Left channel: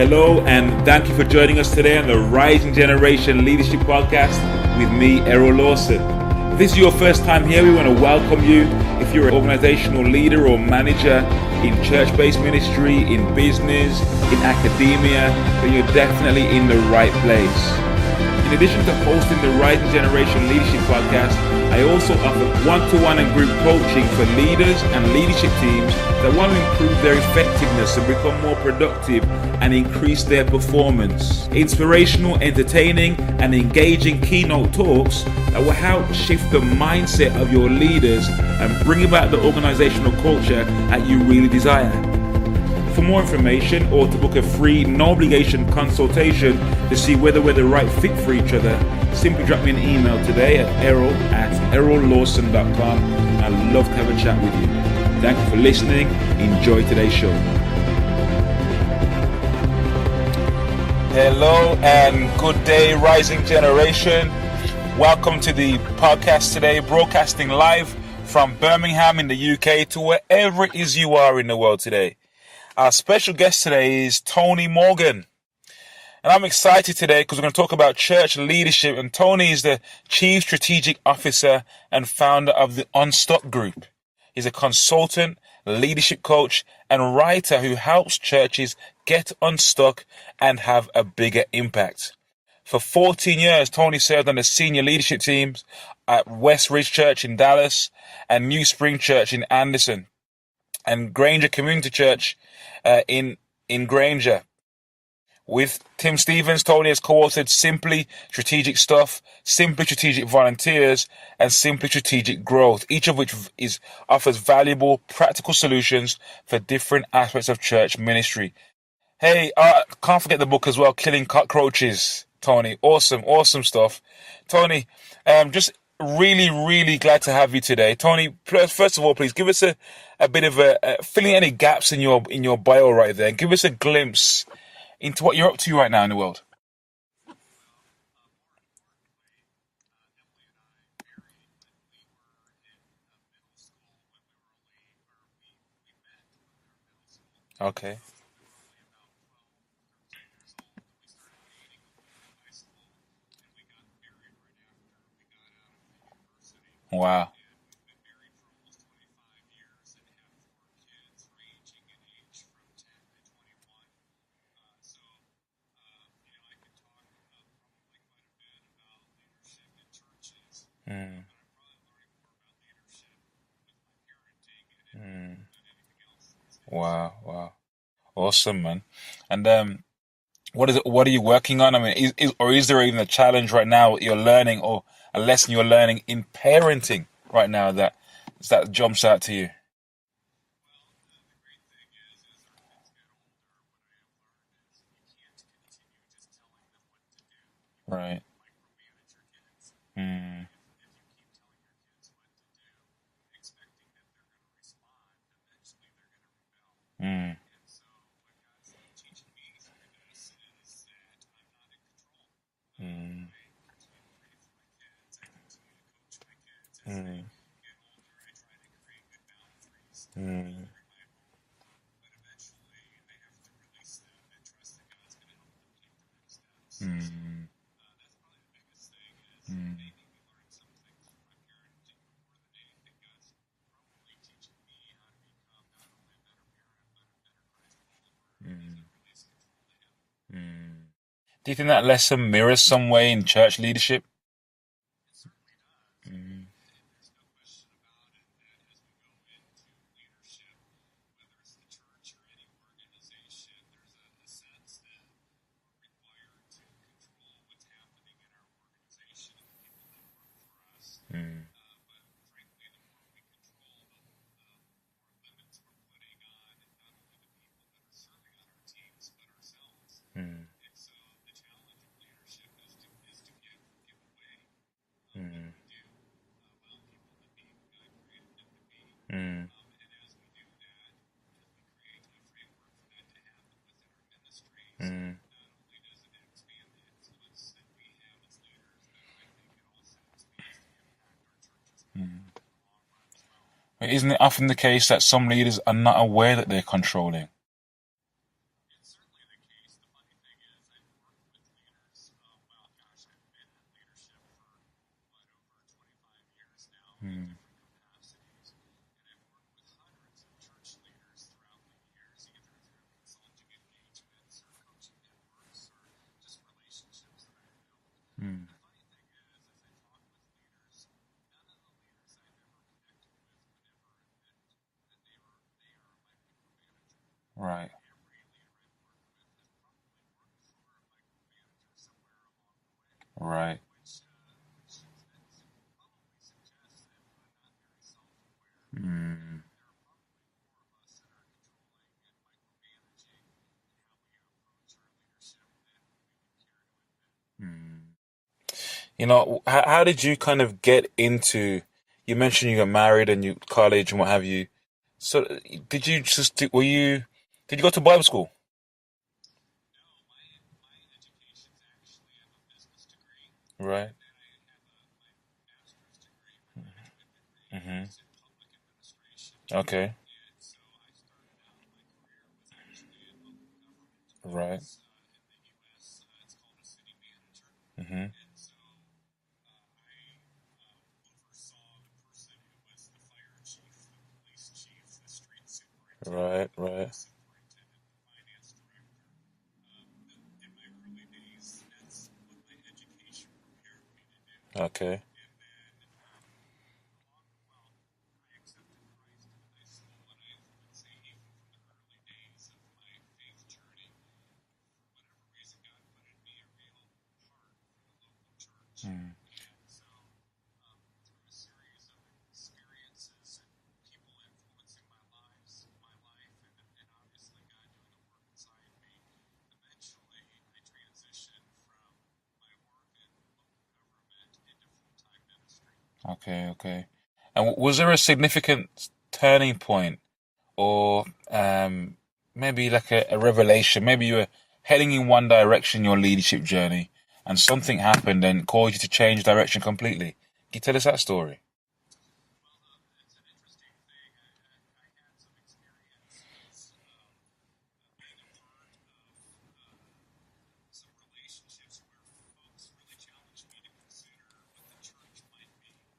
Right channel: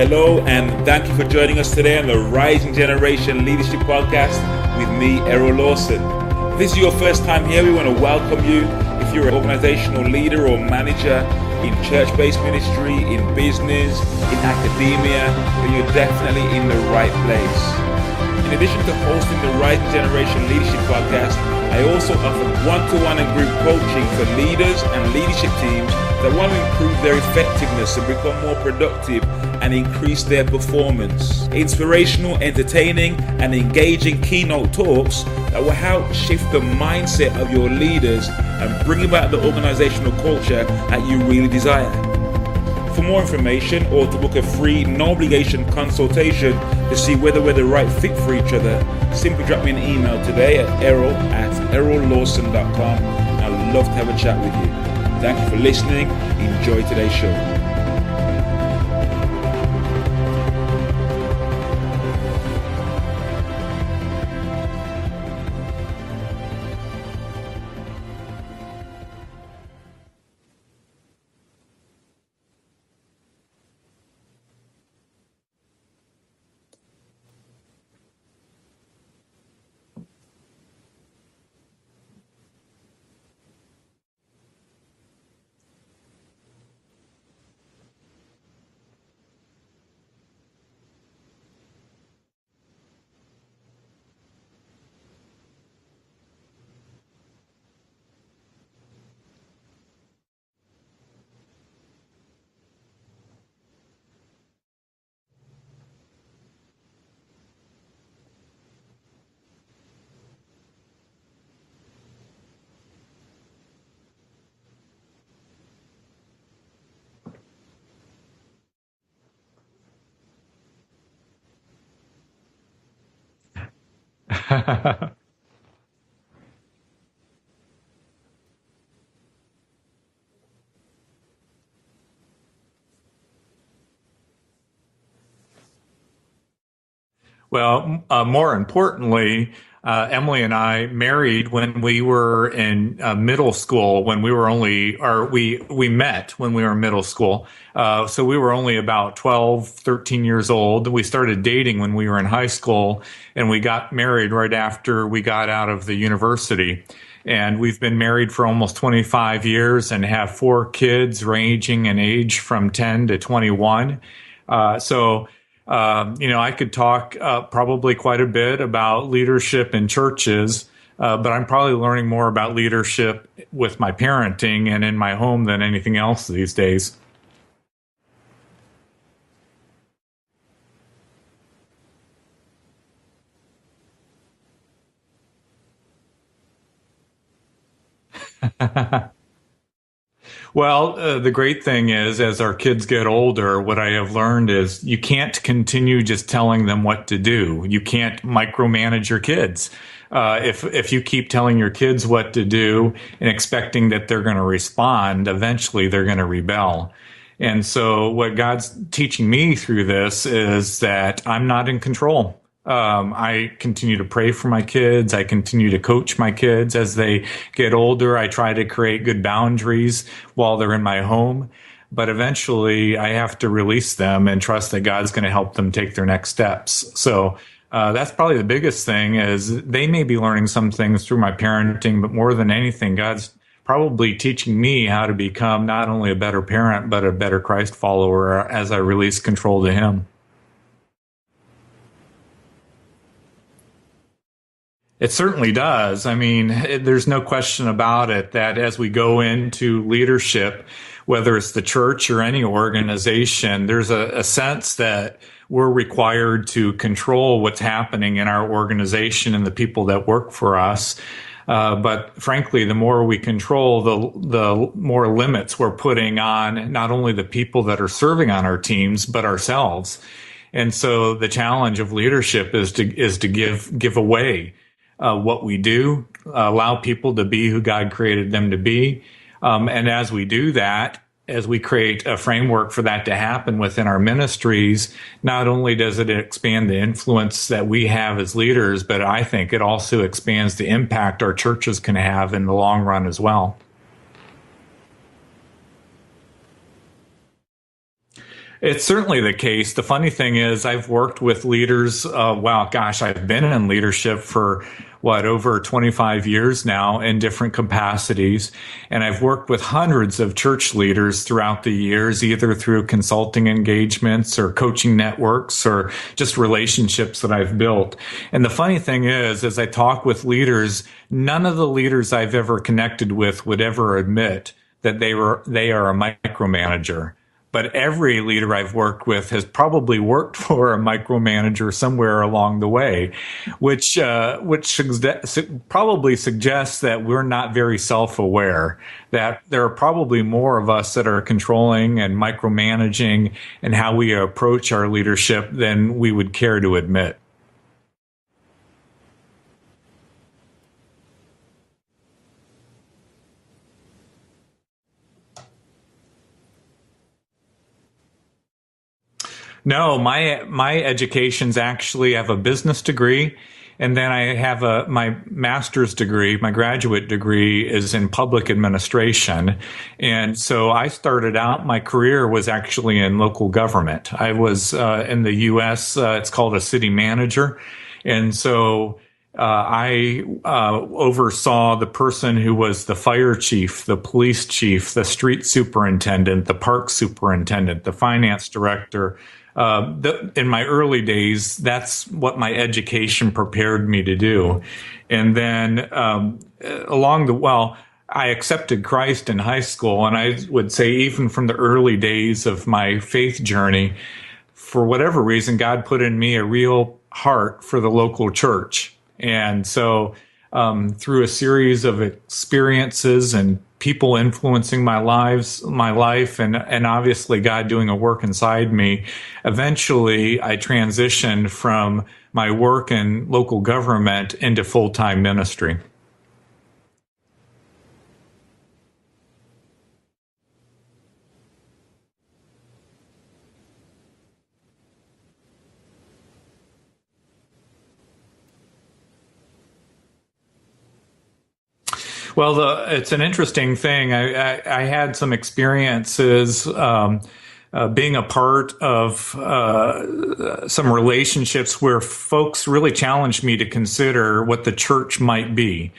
Hello, and thank you for joining us today on the Rising Generation Leadership Podcast with me, Errol Lawson. If this is your first time here, we want to welcome you. If you're an organizational leader or manager in church-based ministry, in business, in academia, then you're definitely in the right place. In addition to hosting the Rising Generation Leadership Podcast, I also offer one-to-one and group coaching for leaders and leadership teams that want to improve their effectiveness and become more productive and increase their performance. Inspirational, entertaining, and engaging keynote talks that will help shift the mindset of your leaders and bring about the organizational culture that you really desire. For more information or to book a free, no-obligation consultation to see whether we're the right fit for each other, simply drop me an email today at errol@errollawson.com. I'd love to have a chat with you. Thank you for listening. Enjoy today's show. Hello and good day, Rising Generation. Welcome to the podcast today, broadcasting live from Birmingham in the UK to wherever it is you are in the world today. Our special guest today is Tony Morgan. And I'm excited today because we're going to talk about church leadership. And Tony is the Chief Strategic Officer and founder of the Unstuck Group. He's a consultant, leadership coach, and writer who helps churches get unstuck and have a bigger impact. For 14 years, Tony served on the senior leadership teams at West Ridge Church in Dallas and NewSpring Church in Anderson and Granger Community Church in Granger. With Tim Stevens, Tony has co-authored Simply Strategic Stuff, Simply Strategic Volunteers, and Simply Strategic Growth, each of which offers valuable, practical solutions for different aspects of church ministry. Hey, can't forget the book as well, Killing Cockroaches, Tony. Awesome stuff. Tony, just really glad to have you today. Tony, first of all, please give us a bit of filling any gaps in your bio right there. Give us a glimpse into what you're up to right now in the world. Well, more importantly, Emily and I married when we were in middle school. When we were we met when we were in middle school. Okay. So we were only about 12, 13 years old. We started dating when we were in high school, and we got married right after we got out of the university. Wow. And we've been married for almost 25 years and have 4 kids ranging in age from 10 to 21. I could talk probably quite a bit about leadership in churches, but I'm probably learning more about leadership with my parenting and in my home than anything else these days. Wow. Awesome, man. And what are you working on? I mean, is there even a challenge right now you're learning or a lesson you're learning in parenting right now that jumps out to you? Well, the great thing is, as our kids get older, what I have learned is you can't continue just telling them what to do. You can't micromanage your kids. If you keep telling your kids what to do and expecting that they're going to respond, eventually they're going to rebel. And so what God's teaching me through this is that I'm not in control. I continue to pray for my kids. I continue to coach my kids as they get older. I try to create good boundaries while they're in my home. But eventually I have to release them and trust that God's going to help them take their next steps. So that's probably the biggest thing is they may be learning some things through my parenting, but more than anything, God's probably teaching me how to become not only a better parent, but a better Christ follower as I release control to Him. Do you think that lesson mirrors some way in church leadership? It certainly does. I mean, there's no question about it that as we go into leadership, whether it's the church or any organization, there's a sense that we're required to control what's happening in our organization and the people that work for us. But frankly, the more we control, the more limits we're putting on not only the people that are serving on our teams, but ourselves. And so the challenge of leadership is to give away what we do, allow people to be who God created them to be. And as we do that, as we create a framework for that to happen within our ministries, not only does it expand the influence that we have as leaders, but I think it also expands the impact our churches can have in the long run as well. Isn't it often the case that some leaders are not aware that they're controlling? It's certainly the case. The funny thing is, I've worked with leaders. I've been in leadership for over 25 years now in different capacities. And I've worked with hundreds of church leaders throughout the years, either through consulting engagements or coaching networks or just relationships that I've built. And the funny thing is, as I talk with leaders, none of the leaders I've ever connected with would ever admit that they are a micromanager. Right. But every leader I've worked with has probably worked for a micromanager somewhere along the way, right. which probably suggests that we're not very self-aware, that there are probably more of us that are controlling and micromanaging and how we approach our leadership than we would care to admit. You know, how did you kind of get into, you mentioned you got married and you college and what have you. So did you go to Bible school? No, my education's actually, I have a business degree, right. And then I have my master's degree. My graduate degree is in public administration. Okay. And so I started out, my career was actually in local government. I was in the U.S., it's called a city manager. Mm-hmm. And so I oversaw the person who was the fire chief, the police chief, the street superintendent, right. The park superintendent, the finance director. In my early days, that's what my education prepared me to do. Okay. And then I accepted Christ in high school, and I would say even from the early days of my faith journey, for whatever reason, God put in me a real heart for the local church. And so through a series of experiences and people influencing my life, and obviously God doing a work inside me, eventually I transitioned from my work in local government into full-time ministry. Okay. And was there a significant turning point or maybe like a revelation? Maybe you were heading in one direction, your leadership journey, and something happened and caused you to change direction completely. Can you tell us that story? Well, it's an interesting thing. I had some experiences being a part of some relationships where folks really challenged me to consider what the church might be.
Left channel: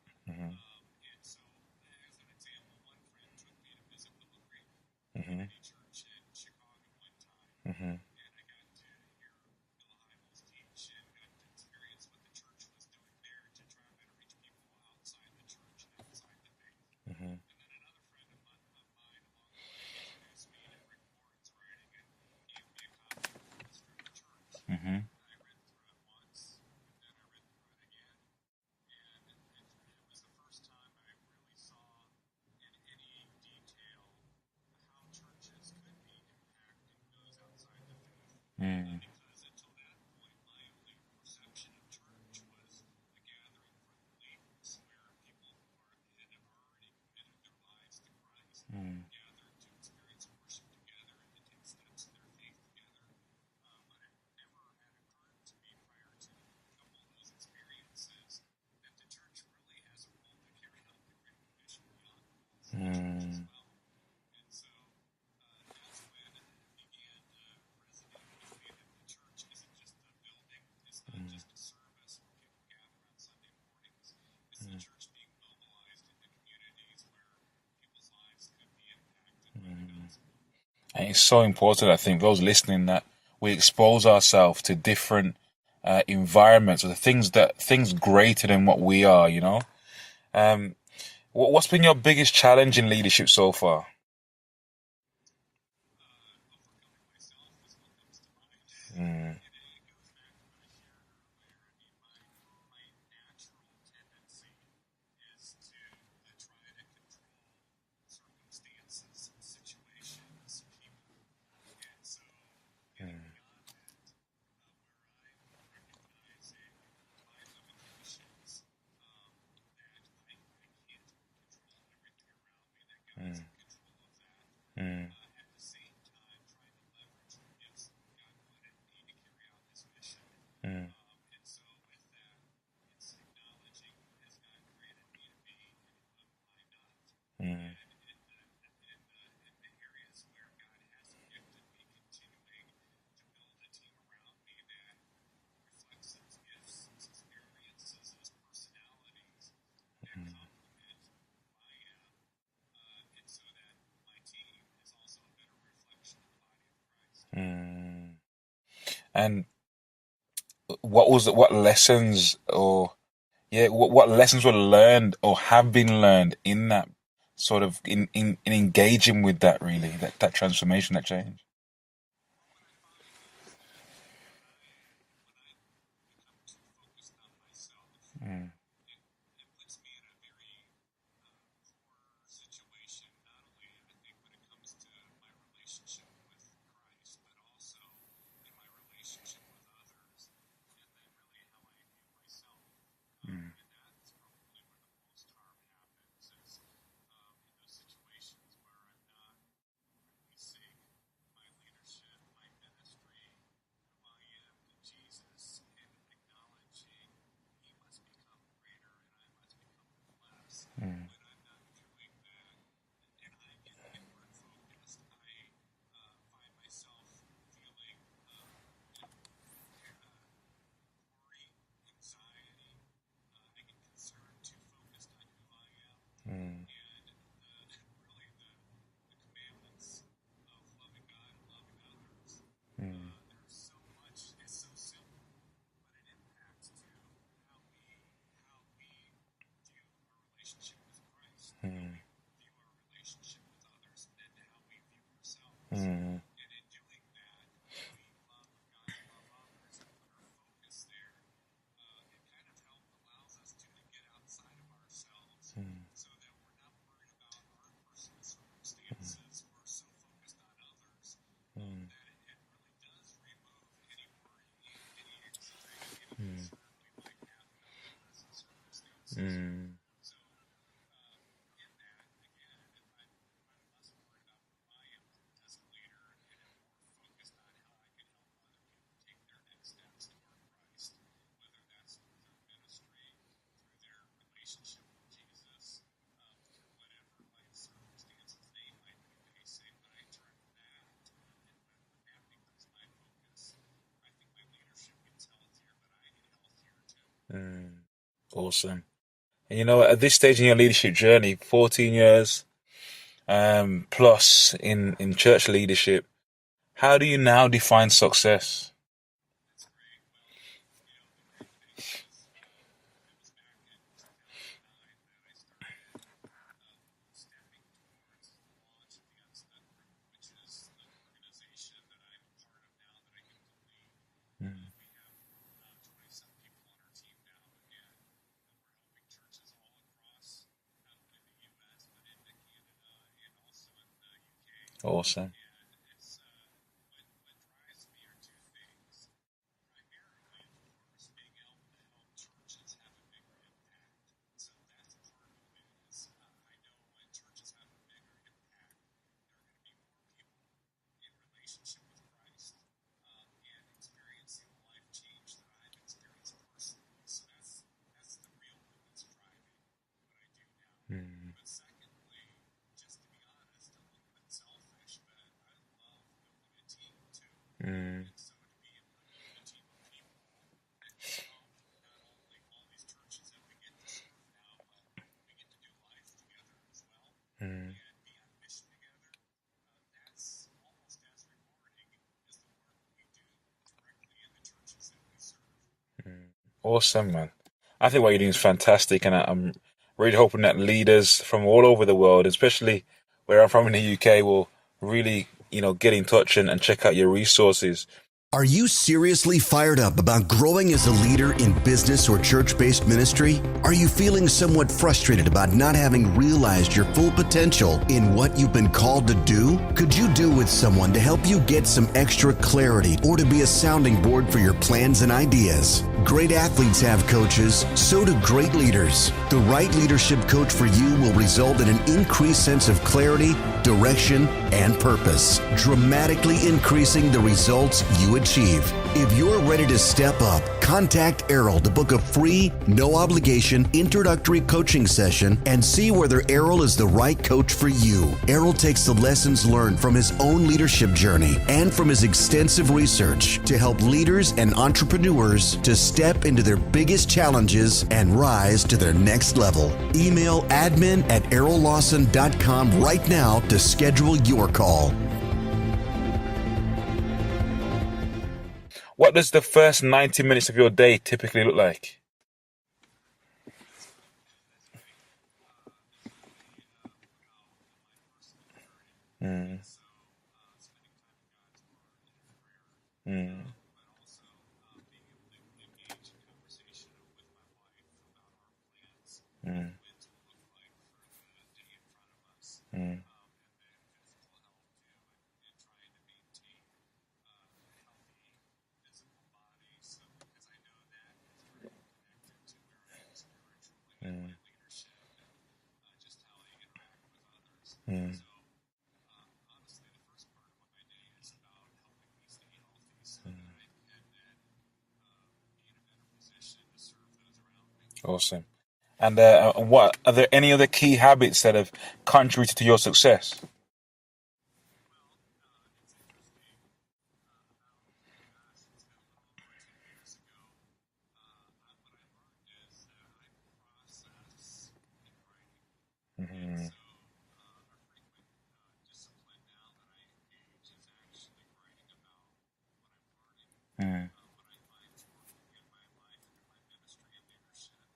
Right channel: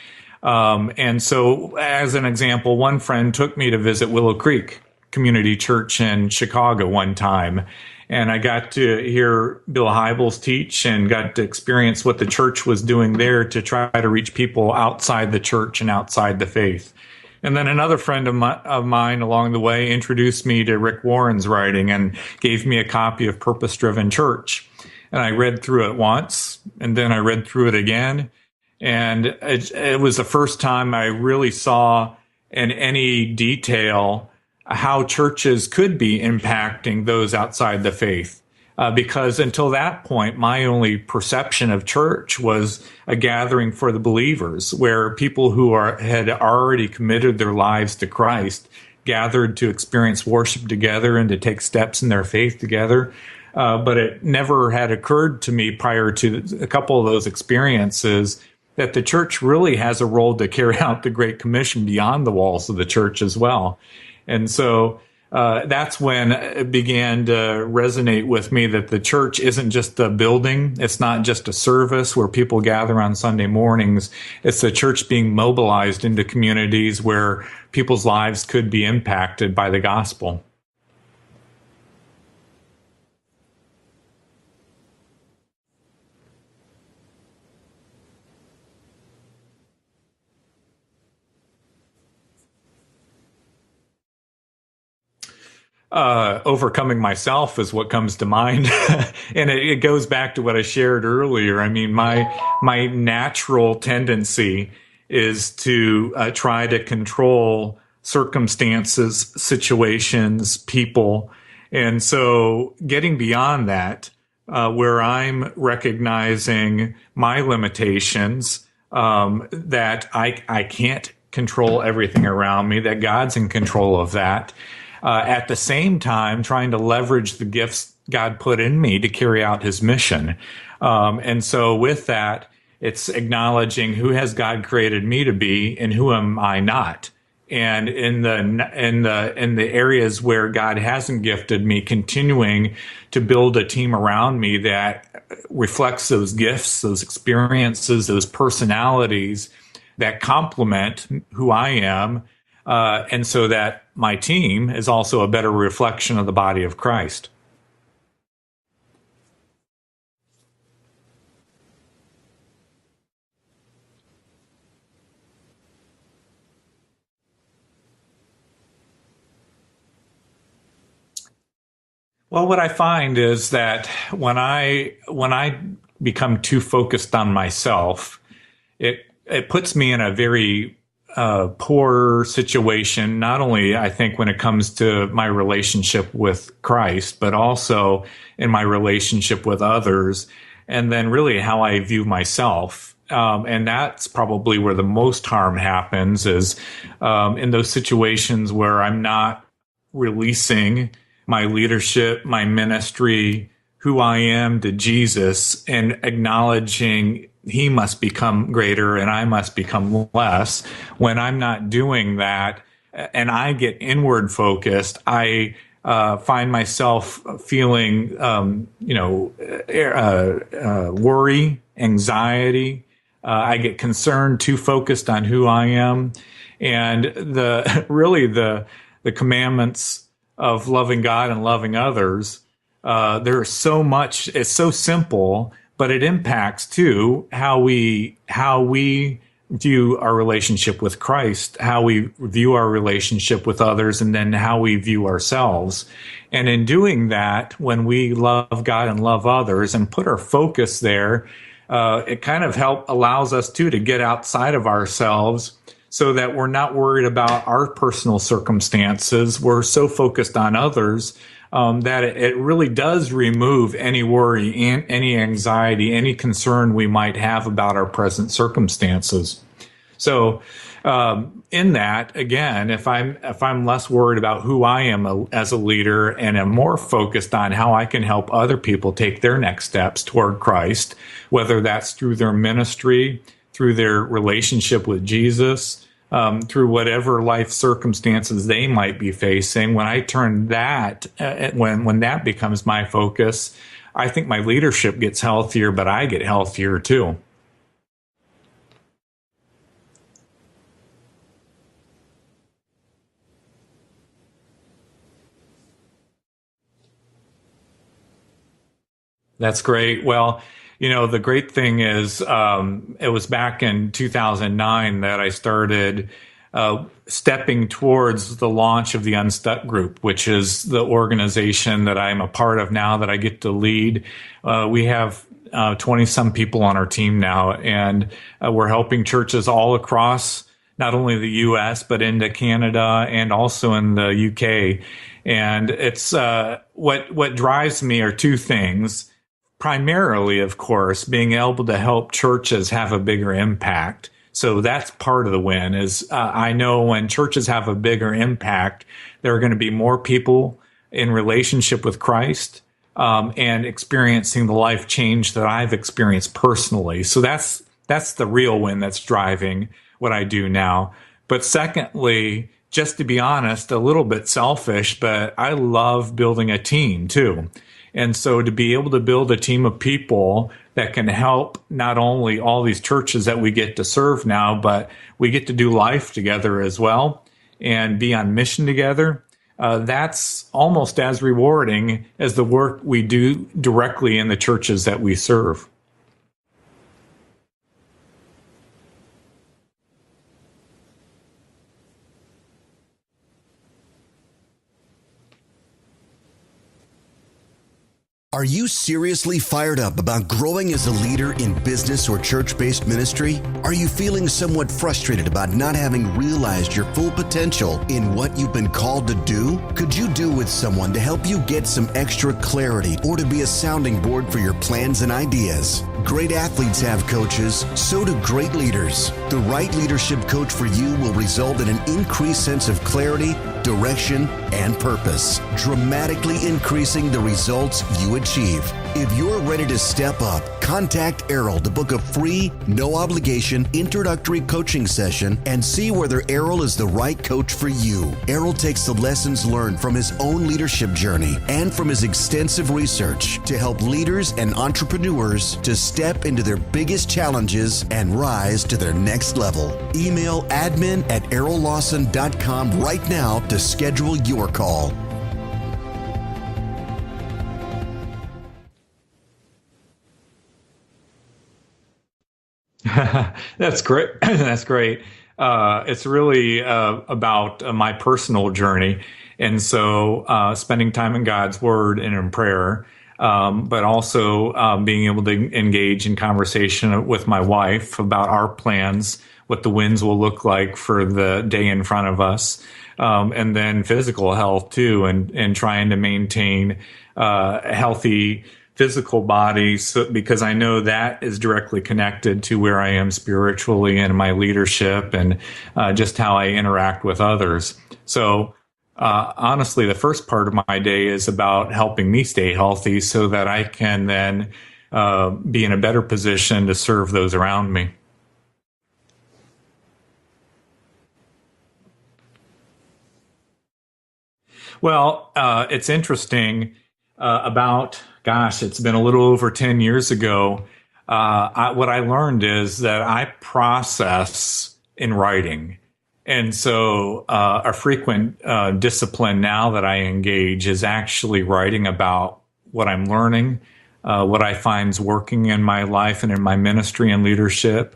And so, as an example, one friend took me to visit Willow Creek Community Church in Chicago one time. And I got to hear Bill Hybels teach and got to experience what the church was doing there to try to reach people outside the church and outside the faith. And then another friend of mine along the way introduced me to Rick Warren's writing and gave me a copy of Purpose Driven Church. Mm-hmm. And I read through it once, and then I read through it again. And it was the first time I really saw in any detail how churches could be impacting those outside the faith. Because until that point, my only perception of church was a gathering for the believers, where people who had already committed their lives to Christ gathered to experience worship together and to take steps in their faith together. But it never had occurred to me prior to a couple of those experiences that the church really has a role to carry out the Great Commission beyond the walls of the church as well. And so that's when it began to resonate with me that the church isn't just a building. It's not just a service where people gather on Sunday mornings. It's the church being mobilized into communities where people's lives could be impacted by the gospel. And it's so important, I think, those listening, that we expose ourselves to different environments, or things greater than what we are, you know. What's been your biggest challenge in leadership so far? Overcoming myself is what comes to mind. And it goes back to what I shared earlier. I mean, my natural tendency is to try to control circumstances, situations, people. And so getting beyond that, where I'm recognizing my limitations, that I can't control everything around me, that God's in control of that. At the same time, trying to leverage the gifts God put in me to carry out his mission. And so with that, it's acknowledging who has God created me to be and who am I not. And in the areas where God hasn't gifted me, continuing to build a team around me that reflects those gifts, those experiences, those personalities that complement who I am, and so that my team is also a better reflection of the body of Christ. And what lessons were learned or have been learned in that sort of in engaging with that, really, that transformation, that change? Well, what I find is that when I become too focused on myself, it puts me in a very poor situation, not only I think when it comes to my relationship with Christ, but also in my relationship with others, and then really how I view myself. And that's probably where the most harm happens, is in those situations where I'm not releasing my leadership, my ministry, who I am to Jesus, and acknowledging he must become greater and I must become less. When I'm not doing that and I get inward focused, I find myself feeling, worry, anxiety. I get concerned, too focused on who I am. And the commandments of loving God and loving others, there's so much, it's so simple, but it impacts too how we view our relationship with Christ, how we view our relationship with others, and then how we view ourselves. And in doing that, when we love God and love others and put our focus there, it kind of allows us to get outside of ourselves, so that we're not worried about our personal circumstances. We're so focused on others that it really does remove any worry, any anxiety, any concern we might have about our present circumstances. So in that, again, if I'm less worried about who I am as a leader and am more focused on how I can help other people take their next steps toward Christ, whether that's through their ministry, through their relationship with Jesus, through whatever life circumstances they might be facing, when I turn that, when that becomes my focus, I think my leadership gets healthier, but I get healthier too. Awesome. And at this stage in your leadership journey, 14 years plus in church leadership, how do you now define success? That's great. Well, the great thing is it was back in 2009 that I started stepping towards the launch of the Unstuck Group, which is the organization that I'm a part of now, that I get to lead. We have 20-some people on our team now, and we're helping churches all across not only the U.S., but into Canada and also in the U.K. Awesome. And it's what drives me are two things. Primarily, of course, being able to help churches have a bigger impact. So that's part of the win. Is I know when churches have a bigger impact, there are going to be more people in relationship with Christ and experiencing the life change that I've experienced personally. So that's the real win that's driving what I do now. But secondly, just to be honest, a little bit selfish, but I love building a team too. And so to be able to build a team of people that can help not only all these churches that we get to serve now, but we get to do life together as well and be on mission together. That's almost as rewarding as the work we do directly in the churches that we serve. Awesome, man. I think what you're doing is fantastic, and I'm really hoping that leaders from all over the world, especially where I'm from in the UK, will really, get in touch and check out your resources. Are you seriously fired up about growing as a leader in business or church-based ministry? Are you feeling somewhat frustrated about not having realized your full potential in what you've been called to do? Could you do with someone to help you get some extra clarity or to be a sounding board for your plans and ideas? Great athletes have coaches, so do great leaders. The right leadership coach for you will result in an increased sense of clarity, direction, and purpose, dramatically increasing the results you achieve. If you're ready to step up, contact Errol to book a free, no obligation introductory coaching session and see whether Errol is the right coach for you. Errol takes the lessons learned from his own leadership journey and from his extensive research to help leaders and entrepreneurs to step into their biggest challenges and rise to their next level. Email admin@errollawson.com right now to schedule your call. What does the first 90 minutes of your day typically look like? That's great. That's great. It's really about my personal journey. And so spending time in God's Word and in prayer, but also being able to engage in conversation with my wife about our plans, what the wins will look like for the day in front of us, and then physical health too, and trying to maintain a healthy physical body, because I know that is directly connected to where I am spiritually and my leadership and just how I interact with others. So honestly, the first part of my day is about helping me stay healthy so that I can then be in a better position to serve those around me. Awesome. And what are there any other key habits that have contributed to your success? Well, it's interesting it's been a little over 10 years ago. What I learned is that I process in writing. And so a frequent discipline now that I engage is actually writing about what I'm learning, what I find is working in my life and in my ministry and leadership,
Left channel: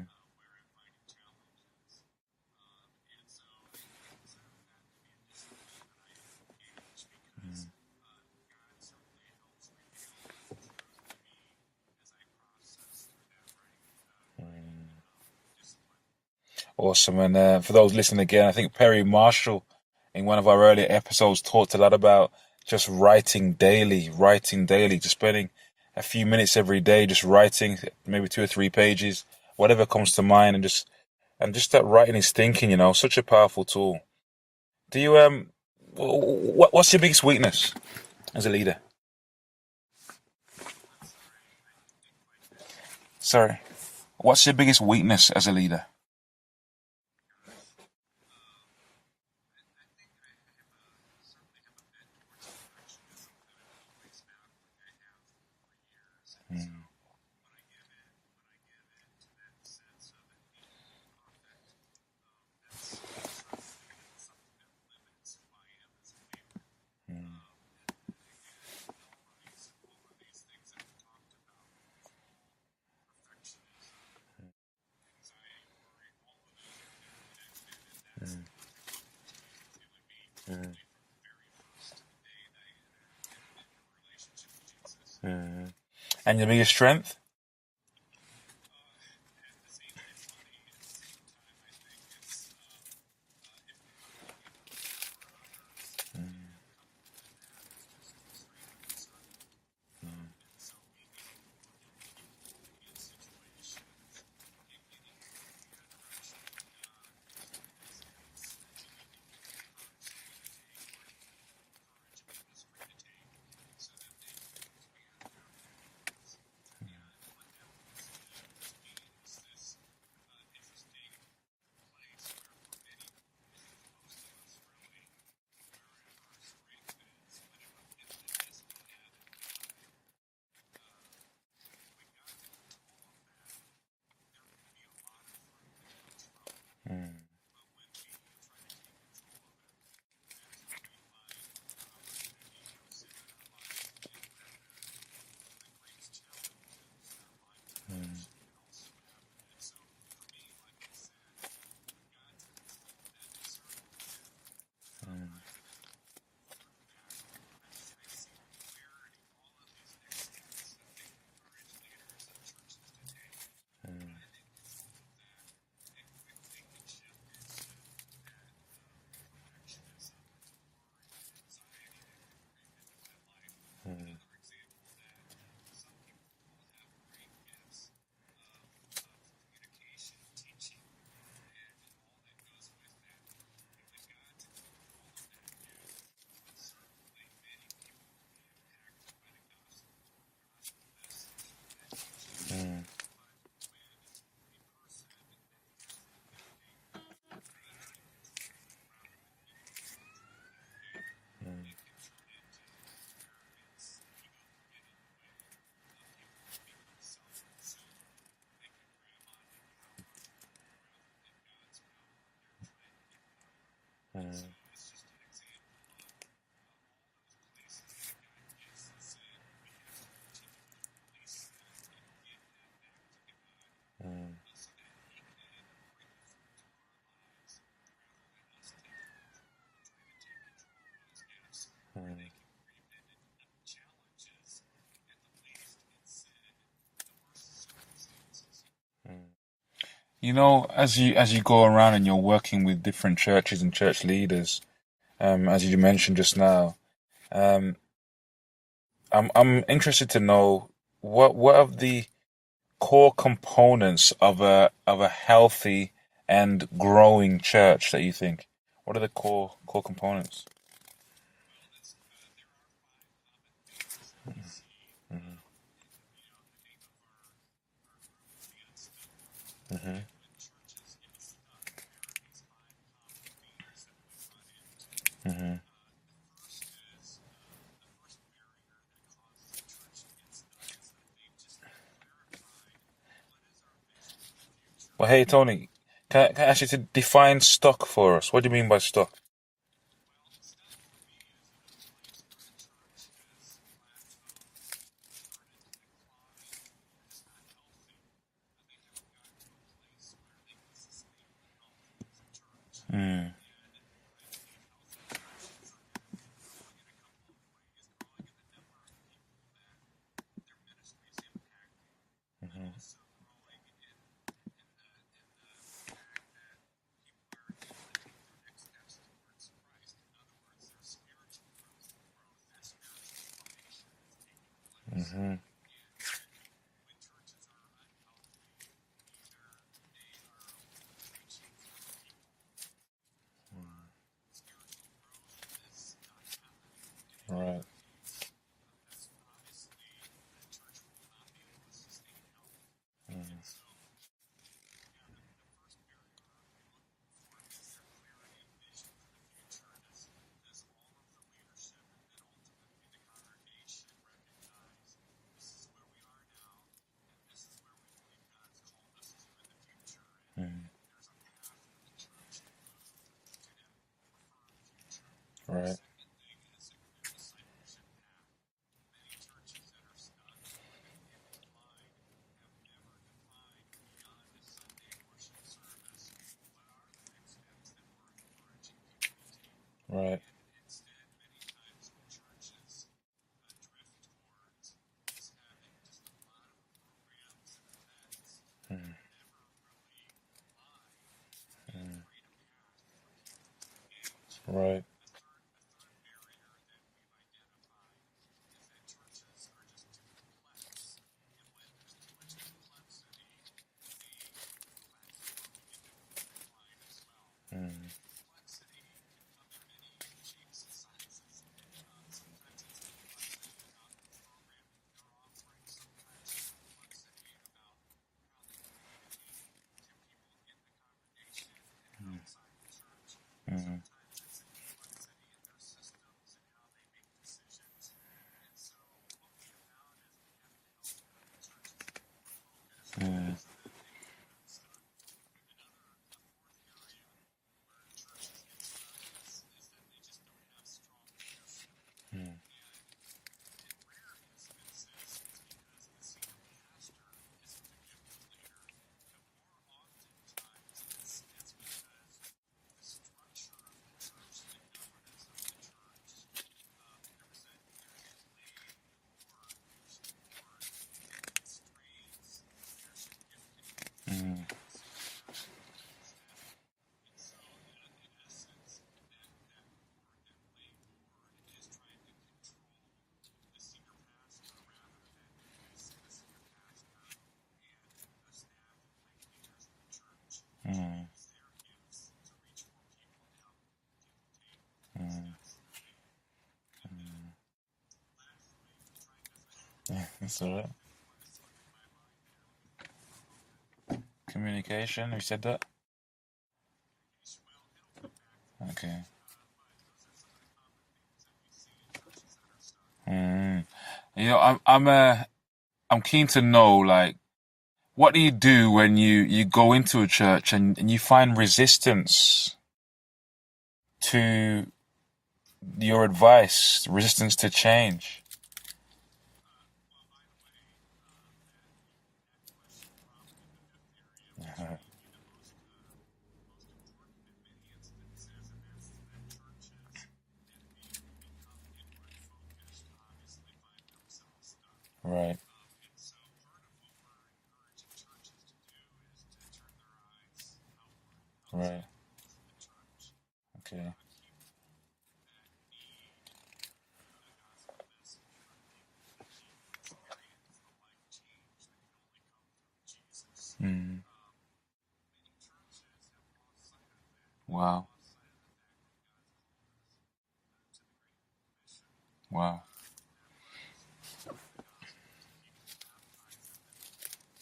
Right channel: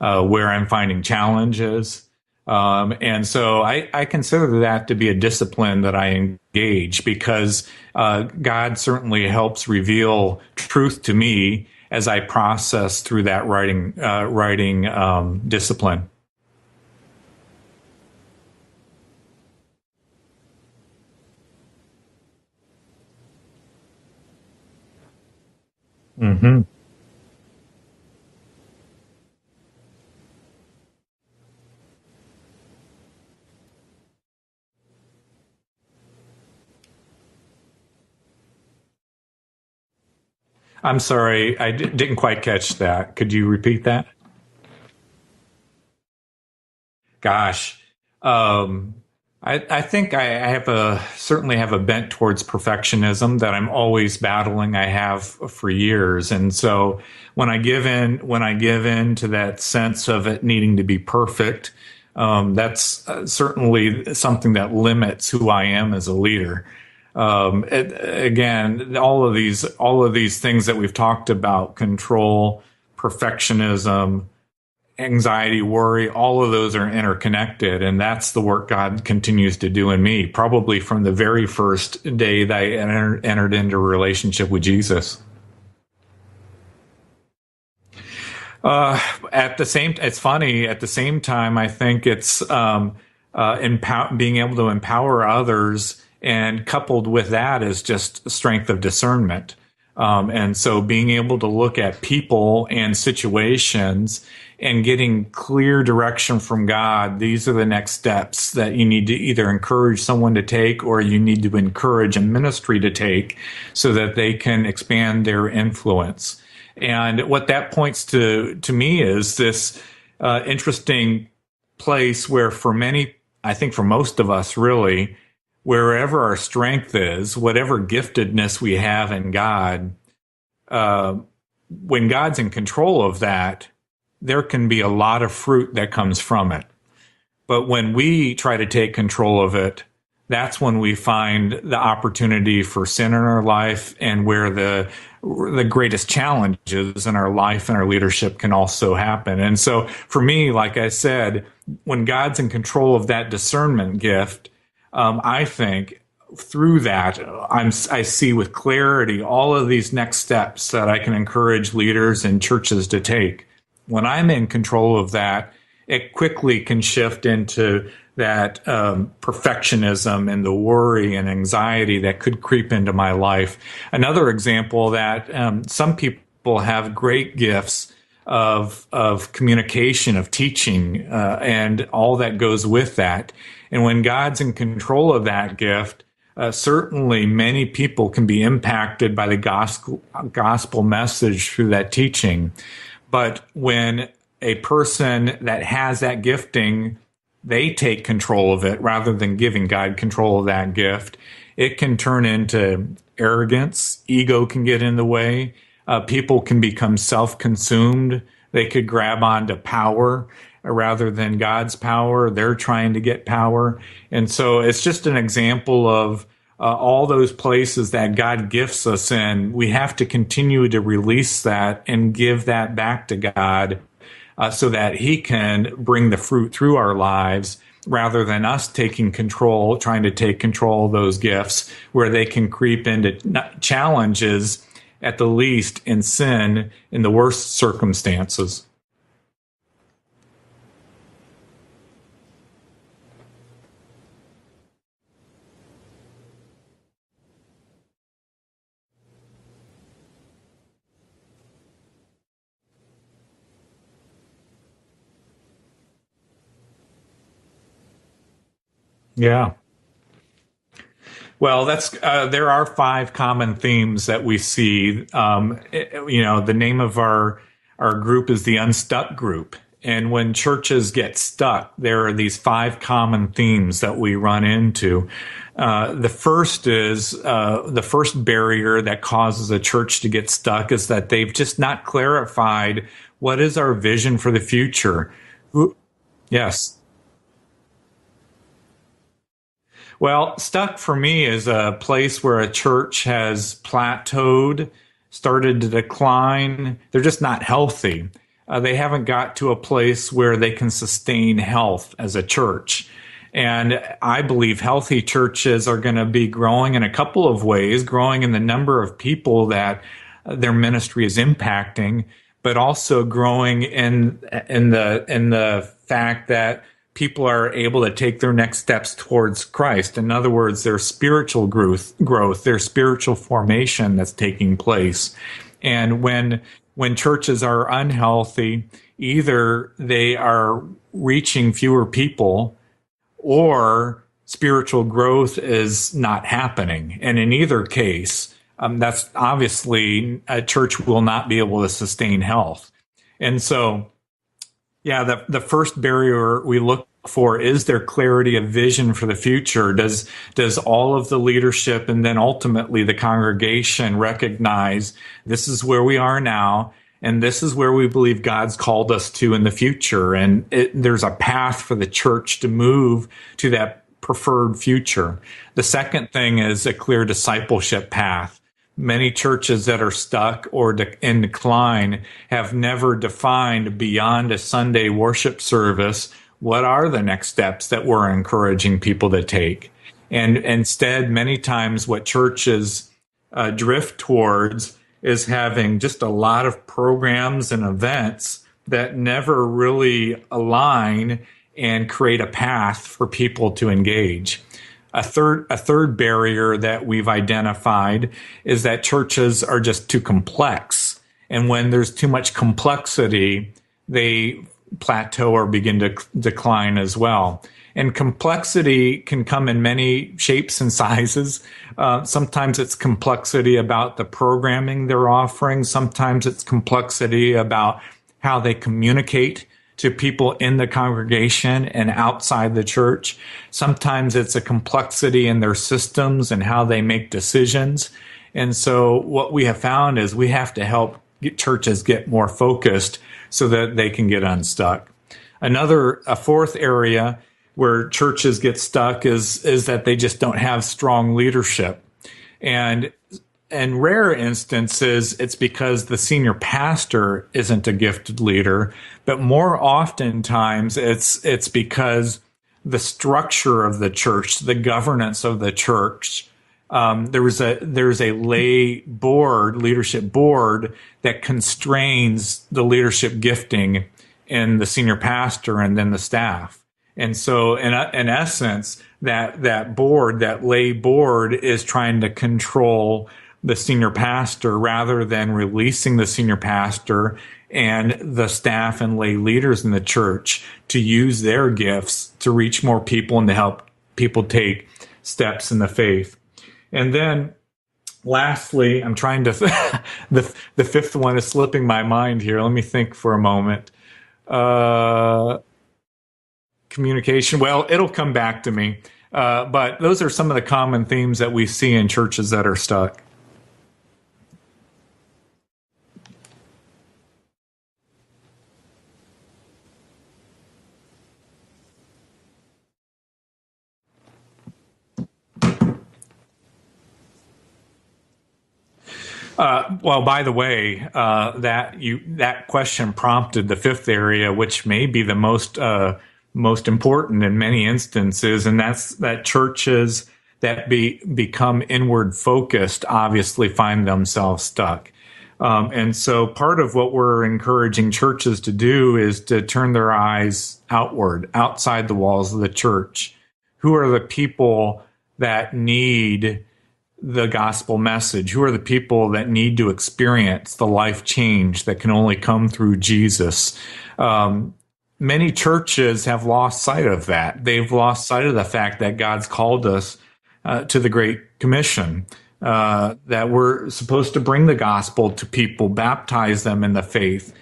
where I'm finding challenges. And so I consider that to be a discipline that I engage because God certainly helps reveal truth to me as I process through that writing discipline. Awesome. And for those listening again, I think Perry Marshall in one of our earlier episodes talked a lot about just writing daily, just spending a few minutes every day, just writing maybe 2 or 3 pages, whatever comes to mind, and just that writing is thinking, such a powerful tool. Do you, what's your biggest weakness as a leader? I'm sorry, I didn't quite catch that. Could you repeat that? What's your biggest weakness as a leader? Gosh, I think I certainly have a bent towards perfectionism that I'm always battling. I have for years, and so when I give in to that sense of it needing to be perfect, that's certainly something that limits who I am as a leader. Again, all of these things that we've talked about: control, perfectionism, anxiety, worry, all of those are interconnected. And that's the work God continues to do in me, probably from the very first day that I entered into a relationship with Jesus. And your biggest strength? It's funny, at the same time, I think it's being able to empower others, and coupled with that is just strength of discernment. And so being able to look at people and situations and getting clear direction from God, these are the next steps that you need to either encourage someone to take or you need to encourage a ministry to take so that they can expand their influence. And what that points to me is this interesting place where for many, I think for most of us really, wherever our strength is, whatever giftedness we have in God, when God's in control of that, there can be a lot of fruit that comes from it. But when we try to take control of it, that's when we find the opportunity for sin in our life and where the greatest challenges in our life and our leadership can also happen. And so for me, like I said, when God's in control of that discernment gift, I think through that, I see with clarity all of these next steps that I can encourage leaders and churches to take. When I'm in control of that, it quickly can shift into that perfectionism and the worry and anxiety that could creep into my life. Another example that some people have great gifts of communication, of teaching, and all that goes with that. And when God's in control of that gift, certainly many people can be impacted by the gospel message through that teaching. But when a person that has that gifting, they take control of it rather than giving God control of that gift, it can turn into arrogance. Ego can get in the way. People can become self-consumed. They could grab onto power rather than God's power. They're trying to get power. And so it's just an example of all those places that God gifts us in. We have to continue to release that and give that back to God so that he can bring the fruit through our lives rather than us taking control, trying to take control of those gifts where they can creep into challenges at the least in sin in the worst circumstances. You know, as you go around and you're working with different churches and church leaders, as you mentioned just now, I'm interested to know what are the core components of a healthy and growing church that you think? What are the core components? Well, there are 5 common themes that we see. The name of our group is the Unstuck Group. And when churches get stuck, there are these 5 common themes that we run into. The first is the first barrier that causes a church to get stuck is that they've just not clarified what is our vision for the future. Well, hey, Tony, can I ask you to define stuck for us? What do you mean by stuck? Well, stuck for me is a place where a church has plateaued, started to decline. They're just not healthy. They haven't got to a place where they can sustain health as a church. And I believe healthy churches are going to be growing in a couple of ways, growing in the number of people that their ministry is impacting, but also growing in the fact that people are able to take their next steps towards Christ. In other words, their spiritual growth, their spiritual formation that's taking place. And when churches are unhealthy, either they are reaching fewer people or spiritual growth is not happening. And in either case, that's obviously a church will not be able to sustain health. And so, the first barrier we look for is there clarity of vision for the future. Does all of the leadership and then ultimately the congregation recognize this is where we are now and this is where we believe God's called us to in the future? And there's a path for the church to move to that preferred future. The second thing is a clear discipleship path. Many churches that are stuck or in decline have never defined beyond a Sunday worship service what are the next steps that we're encouraging people to take. And instead, many times what churches drift towards is having just a lot of programs and events that never really align and create a path for people to engage. A third barrier that we've identified is that churches are just too complex. And when there's too much complexity, they plateau or begin to decline as well. And complexity can come in many shapes and sizes. Sometimes it's complexity about the programming they're offering. Sometimes it's complexity about how they communicate to people in the congregation and outside the church. Sometimes it's a complexity in their systems and how they make decisions. And so what we have found is we have to help churches get more focused so that they can get unstuck. A fourth area where churches get stuck is that they just don't have strong leadership. And in rare instances, it's because the senior pastor isn't a gifted leader, but more oftentimes it's because the structure of the church, the governance of the church, there's a lay board, leadership board that constrains the leadership gifting in the senior pastor and then the staff. And so in essence, that board, that lay board is trying to control the senior pastor rather than releasing the senior pastor and the staff and lay leaders in the church to use their gifts to reach more people and to help people take steps in the faith. And then lastly, I'm trying to, the fifth one is slipping my mind here. Let me think for a moment. Communication. Well, it'll come back to me. Okay. But those are some of the common themes that we see in churches that are stuck. You know, I'm keen to know, like, what do you do when you go into a church and you find resistance to your advice, resistance to change? Well, by the way, that question prompted the fifth area, which may be the most important in many instances, and that's that churches that become inward focused obviously find themselves stuck. Right. And so part of what we're encouraging churches to do is to turn their eyes outward, outside the walls of the church. Who are the people that need the gospel message? Who are the people that need to experience the life change that can only come through Jesus? Many churches have lost sight of that. They've lost sight of the fact that God's called us to the Great Commission, that we're supposed to bring the gospel to people, baptize them in the faith,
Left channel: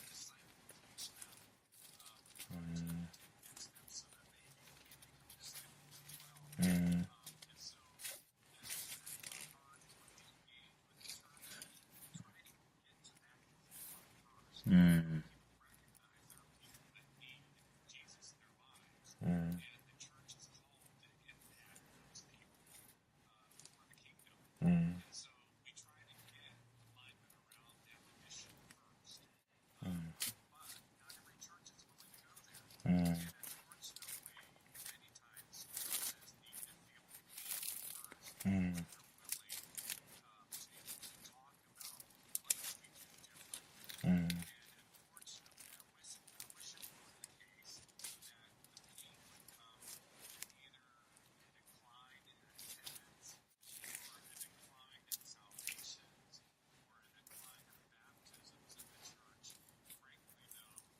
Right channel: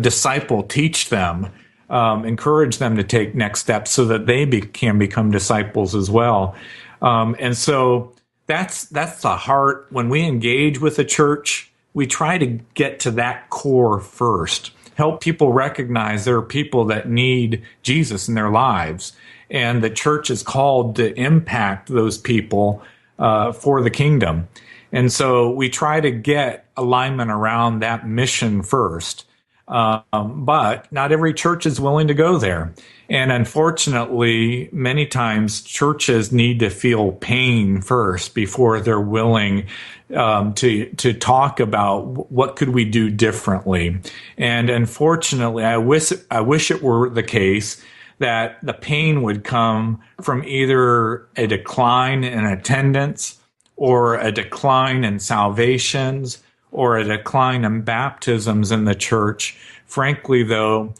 disciple, teach them, encourage them to take next steps so that they can become disciples as well. And so that's the heart. When we engage with a church, we try to get to that core first, help people recognize there are people that need Jesus in their lives. And the church is called to impact those people for the kingdom. And so we try to get alignment around that mission first. But not every church is willing to go there. And unfortunately, many times churches need to feel pain first before they're willing to talk about what could we do differently. And unfortunately, I wish it were the case that the pain would come from either a decline in attendance or a decline in salvations or a decline in baptisms in the church. Frankly, though,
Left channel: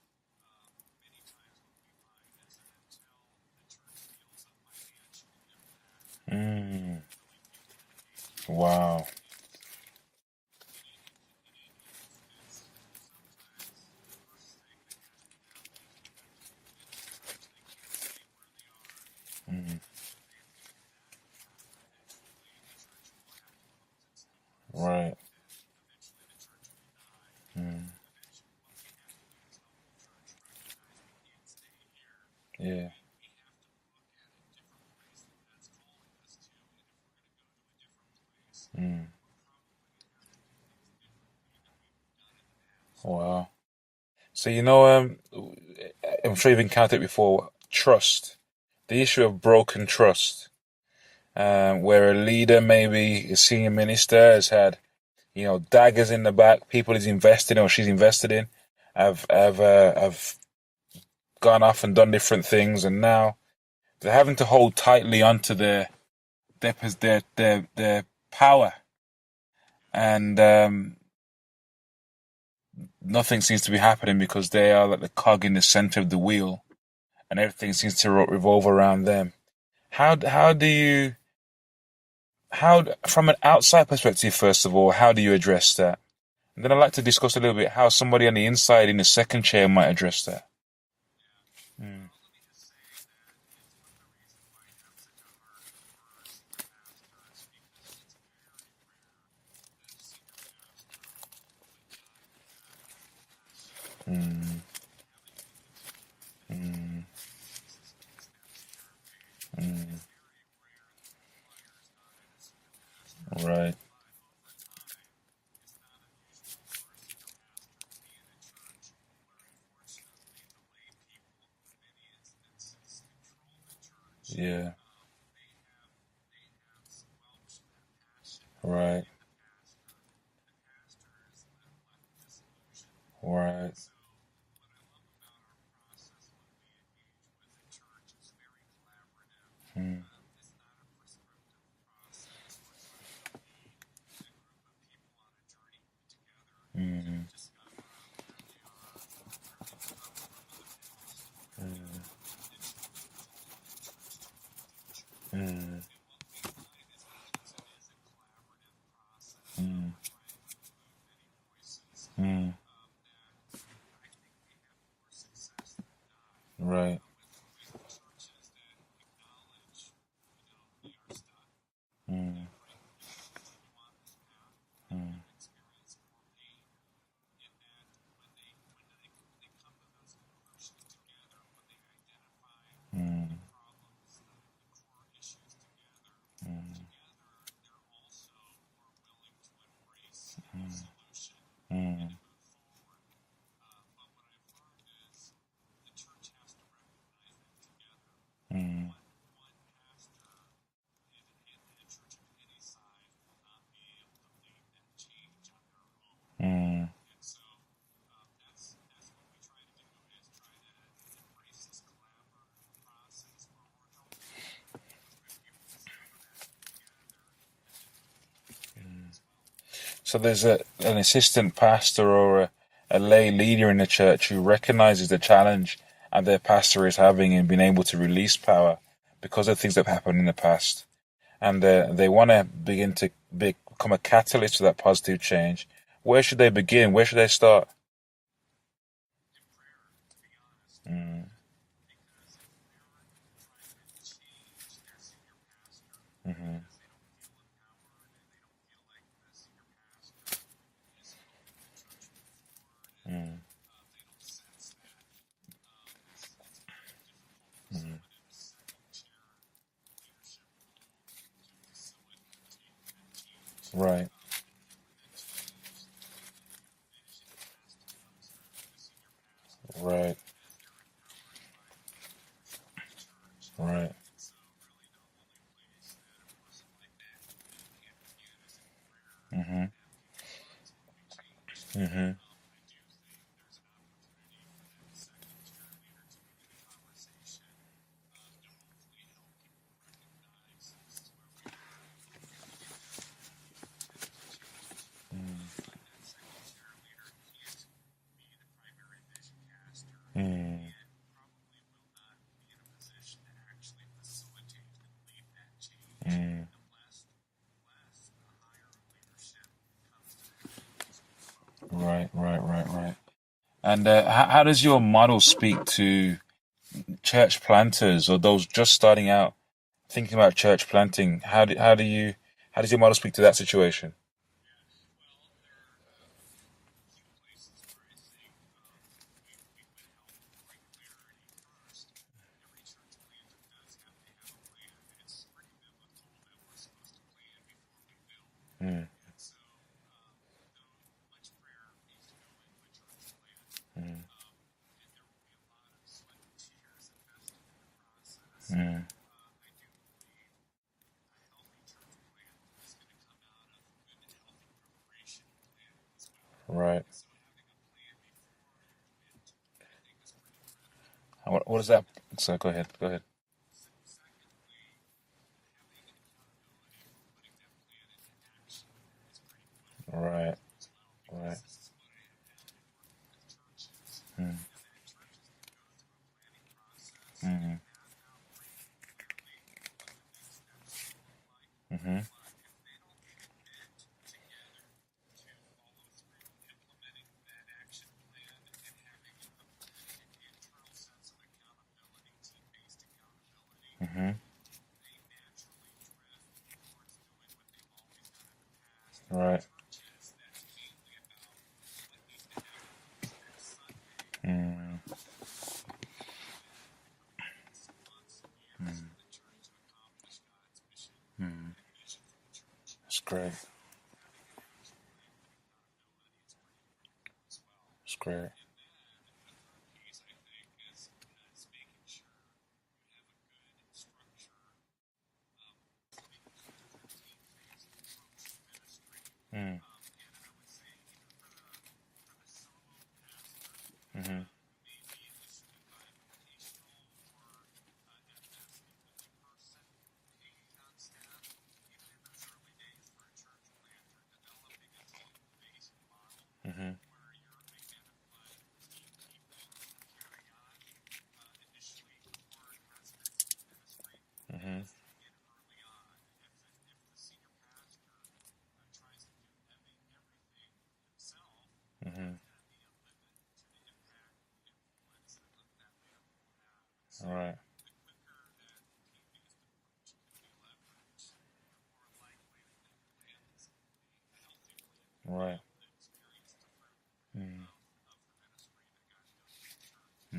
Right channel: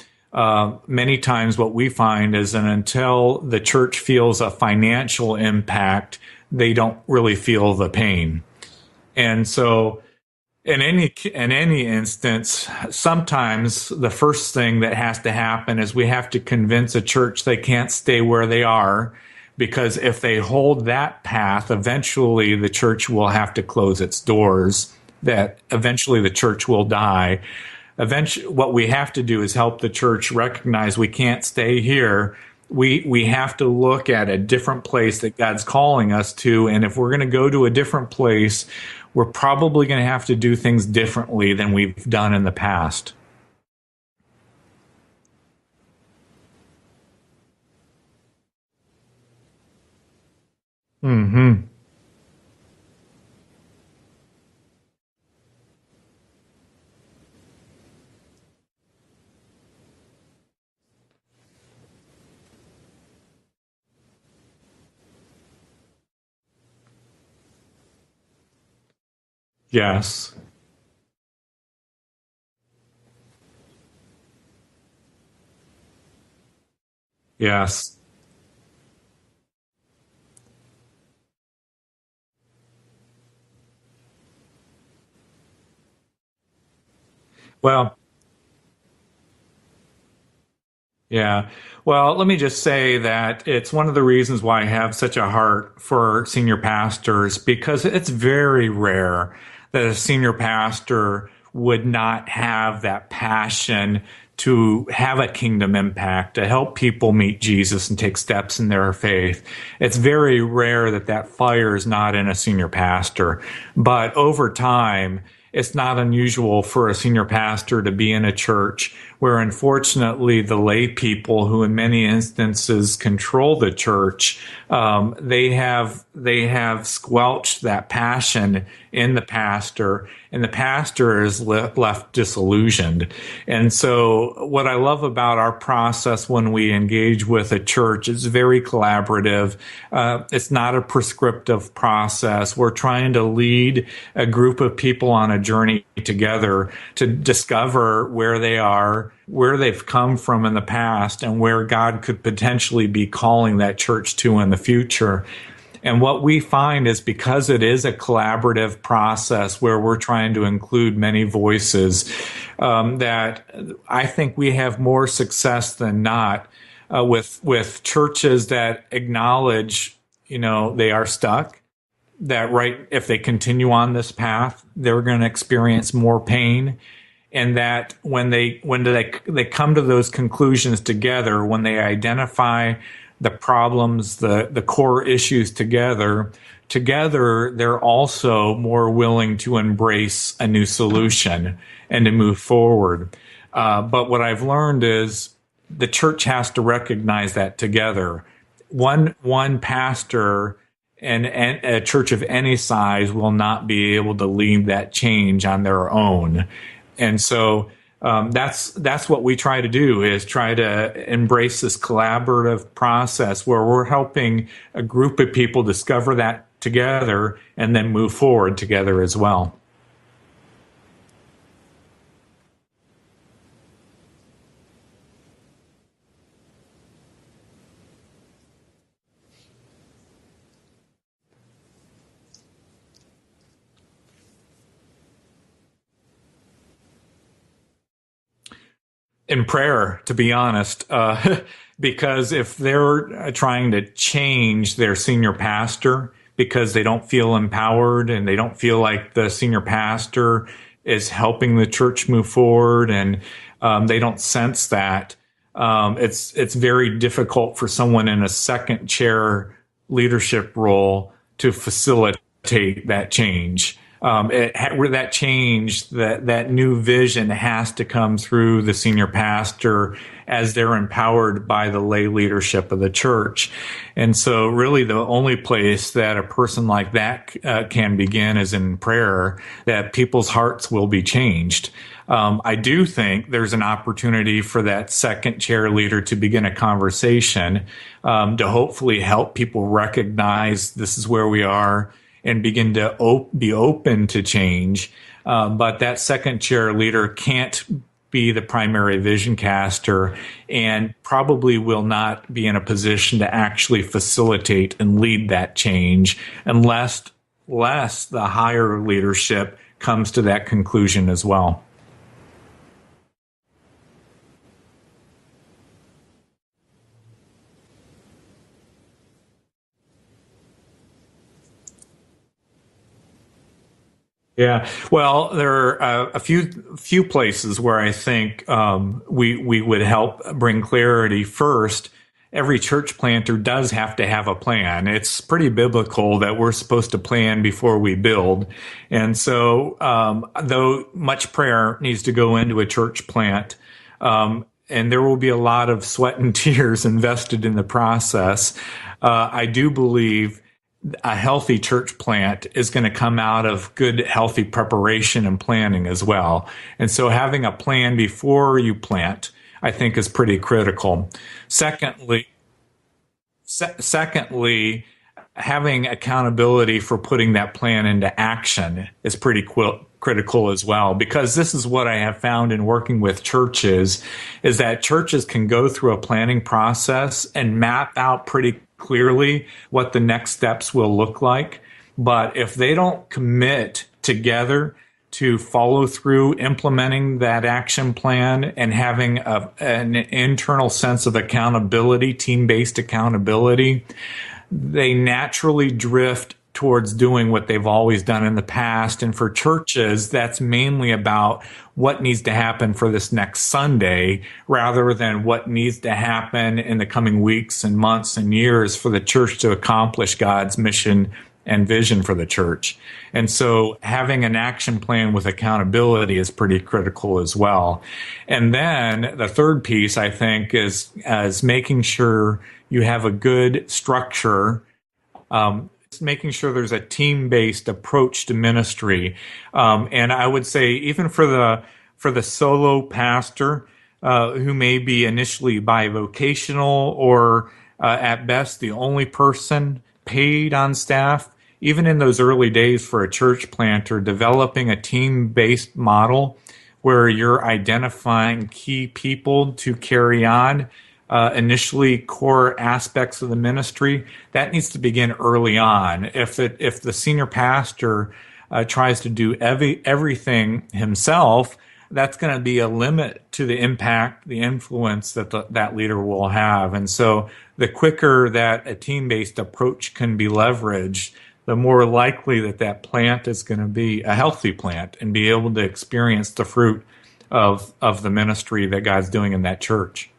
many times what we find is that until the church feels a financial impact, they don't really feel the pain. Wow. And so in any instance, sometimes the first thing that has to happen is we have to convince a church they can't stay where they are, because if they hold that path, eventually the church will have to close its doors, that eventually the church will die. Eventually, what we have to do is help the church recognize we can't stay here. We have to look at a different place that God's calling us to. And if we're going to go to a different place, we're probably going to have to do things differently than we've done in the past. Wow. So, you know, I'm sure you've encountered it before, trust. The issue of broken trust, where a leader, maybe a senior minister, has had, you know, daggers in the back, people he's invested in or she's invested in, have gone off and done different things, and now they're having to hold tightly onto their power. Yes. And nothing seems to be happening because they are like the cog in the center of the wheel, and everything seems to revolve around them. How do you, from an outside perspective, first of all, how do you address that? And then I'd like to discuss a little bit how somebody on the inside in the second chair might address that. Yeah. Well, let me just say that it's one of the reasons why I have such a heart for senior pastors, because it's very rare that a senior pastor would not have that passion to have a kingdom impact, to help people meet Jesus and take steps in their faith. It's very rare that fire is not in a senior pastor. Right. But over time, it's not unusual for a senior pastor to be in a church where, unfortunately, the lay people who in many instances control the church, they have squelched that passion in the pastor, and the pastor is left disillusioned. And so what I love about our process when we engage with a church is very collaborative. It's not a prescriptive process. We're trying to lead a group of people on a journey together to discover where they are, where they've come from in the past, and where God could potentially be calling that church to in the future. And what we find is, because it is a collaborative process where we're trying to include many voices, that I think we have more success than not with churches that acknowledge, they are stuck, that if they continue on this path, they're going to experience more pain. And that when they come to those conclusions together, when they identify the problems, the core issues together, they're also more willing to embrace a new solution and to move forward. But what I've learned is the church has to recognize that together. One pastor and a church of any size will not be able to lead that change on their own. And so that's what we try to do, is try to embrace this collaborative process where we're helping a group of people discover that together and then move forward together as well. So there's an assistant pastor or a lay leader in the church who recognizes the challenge and their pastor is having in being able to release power because of things that have happened in the past. And they want to begin to become a catalyst to that positive change. Where should they begin? Where should they start? In prayer, to be honest, because if they're trying to change their senior pastor because they don't feel empowered and they don't feel like the senior pastor is helping the church move forward, and they don't sense that, it's very difficult for someone in a second chair leadership role to facilitate that change. That change, that new vision has to come through the senior pastor as they're empowered by the lay leadership of the church. And so really the only place that a person like that can begin is in prayer, that people's hearts will be changed. I do think there's an opportunity for that second chair leader to begin a conversation to hopefully help people recognize this is where we are and begin to be open to change. But that second chair leader can't be the primary vision caster and probably will not be in a position to actually facilitate and lead that change unless the higher leadership comes to that conclusion as well. Right. And how does your model speak to church planters or those just starting out thinking about church planting? How does your model speak to that situation? Yeah, well, there are a few places where I think we would help bring clarity. First, every church planter does have to have a plan. It's pretty biblical that we're supposed to plan before we build. And so, though much prayer needs to go into a church plant, and there will be a lot of sweat and tears invested in the process, I do believe a healthy church plant is going to come out of good, healthy preparation and planning as well. And so having a plan before you plant, I think, is pretty critical. Secondly, go ahead. Secondly, having accountability for putting that plan into action is pretty critical as well, because this is what I have found in working with churches, is that churches can go through a planning process and map out pretty clearly what the next steps will look like. But if they don't commit together to follow through implementing that action plan and having an internal sense of accountability, team-based accountability, they naturally drift towards doing what they've always done in the past. And for churches, that's mainly about what needs to happen for this next Sunday rather than what needs to happen in the coming weeks and months and years for the church to accomplish God's mission and vision for the church. And so having an action plan with accountability is pretty critical as well. And then the third piece, I think, is making sure you have a good structure, making sure there's a team-based approach to ministry. And I would say even for the solo pastor who may be initially bivocational or at best the only person paid on staff, even in those early days for a church planter, developing a team-based model where you're identifying key people to carry on initially core aspects of the ministry, that needs to begin early on. If the senior pastor tries to do everything himself, that's going to be a limit to the impact, the influence that that leader will have. And so the quicker that a team-based approach can be leveraged, the more likely that plant is going to be a healthy plant and be able to experience the fruit of the ministry that God's doing in that church.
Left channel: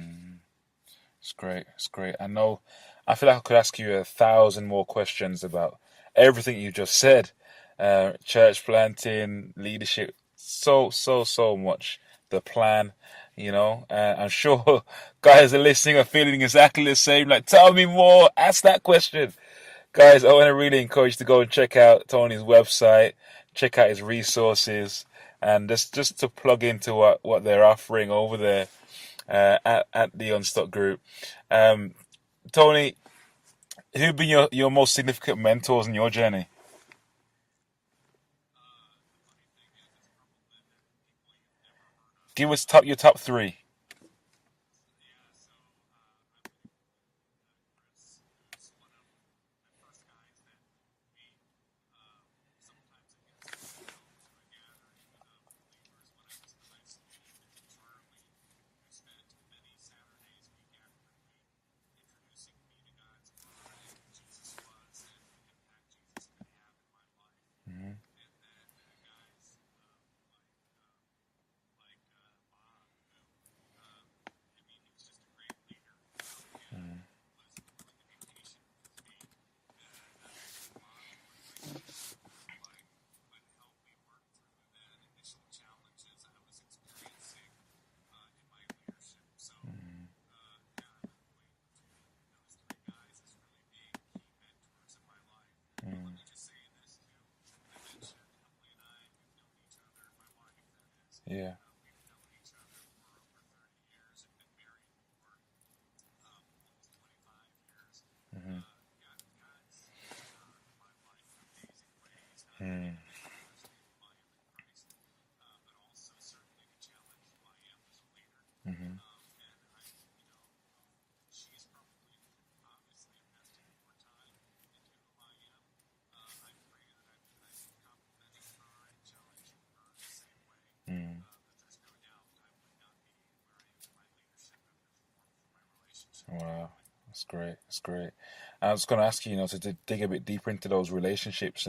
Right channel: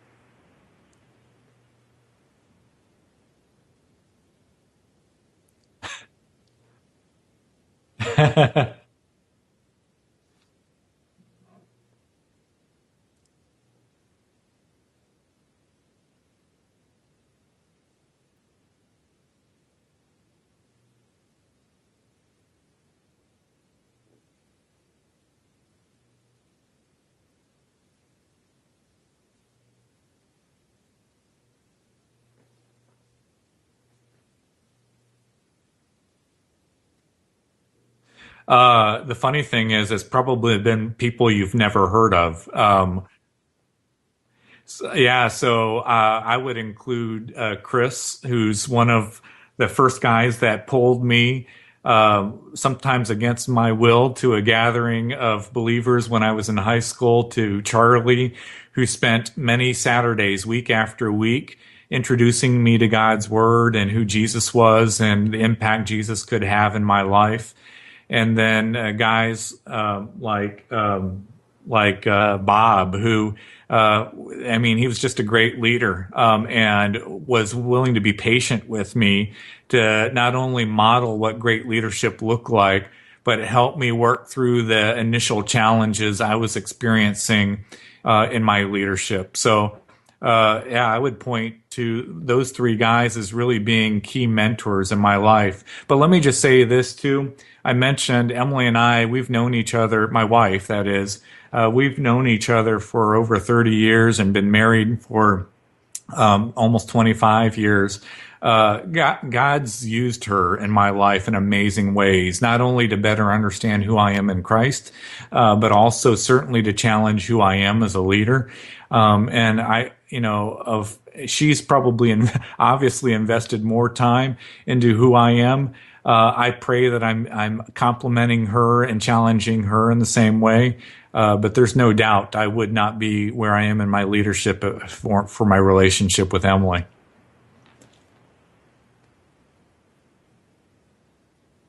It's great. It's great. I feel like I could ask you 1,000 more questions about everything you just said. Church planting, leadership, so much. The plan, I'm sure guys are listening are feeling exactly the same. Like, tell me more, ask that question. Guys, I want to really encourage you to go and check out Tony's website, check out his resources, and just to plug into what they're offering over there at the Unstuck Group. Tony, who've been your most significant mentors in your journey? The funny thing is, it's probably been people you've never heard of. Give us your top three. So I would include Chris, who's one of the first guys that pulled me, sometimes against my will, to a gathering of believers when I was in high school, to Charlie, who spent many Saturdays, week after week, introducing me to God's Word and who Jesus was and the impact Jesus could have in my life. And then guys like Bob, who, he was just a great leader and was willing to be patient with me to not only model what great leadership looked like, but help me work through the initial challenges I was experiencing in my leadership. So, I would point to those three guys as really being key mentors in my life. But let me just say this too. I mentioned Emily and I, we've known each other, my wife, that is, we've known each other for over 30 years and been married for almost 25 years. God's used her in my life in amazing ways, not only to better understand who I am in Christ, but also certainly to challenge who I am as a leader. And she's probably obviously invested more time into who I am. I pray that I'm complimenting her and challenging her in the same way. But there's no doubt I would not be where I am in my leadership for my relationship with Emily. It's great. It's great. I was going to ask you, to dig a bit deeper into those relationships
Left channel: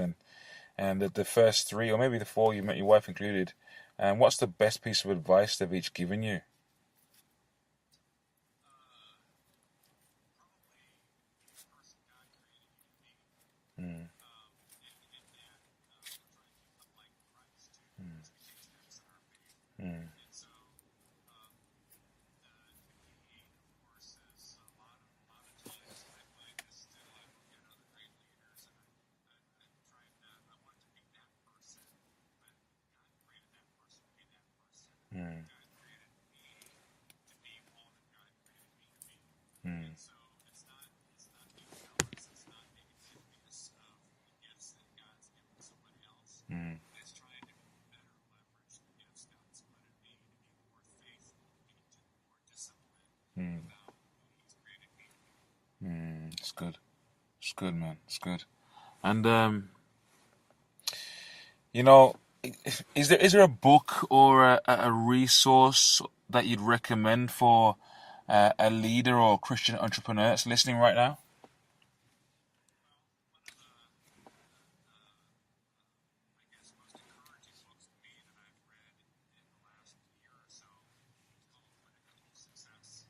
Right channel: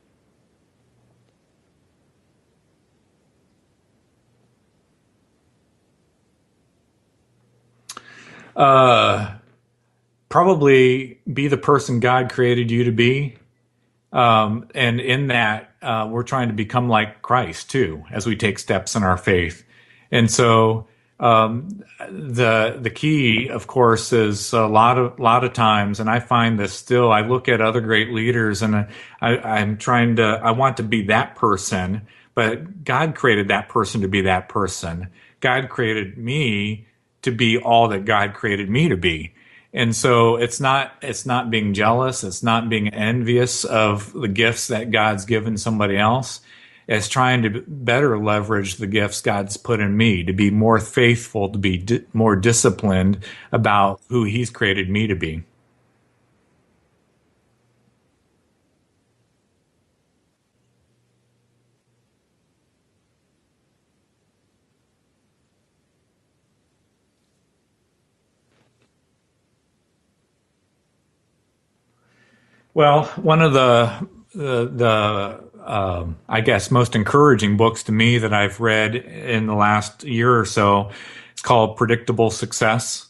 and the first three, or maybe the four you met, your wife included. And what's the best piece of advice they've each given you? Probably be the person God created you to be. And in that, we're trying to become like Christ too, as we take steps in our faith. And so, the key, of course, is a lot of times, and I find this still, I look at other great leaders and I want to be that person, but God created that person to be that person. God created me to be all that God created me to be. And so it's not being jealous. It's not being envious of the gifts that God's given somebody else. It's trying to better leverage the gifts God's put in me, to be more faithful, to be more disciplined about who He's created me to be. It's good. It's good, man. It's good. And, is there a book or a resource that you'd recommend for a leader or Christian entrepreneur that's listening right now? Well, one of the I guess most encouraging books to me that I've read in the last year or so, it's called Predictable Success.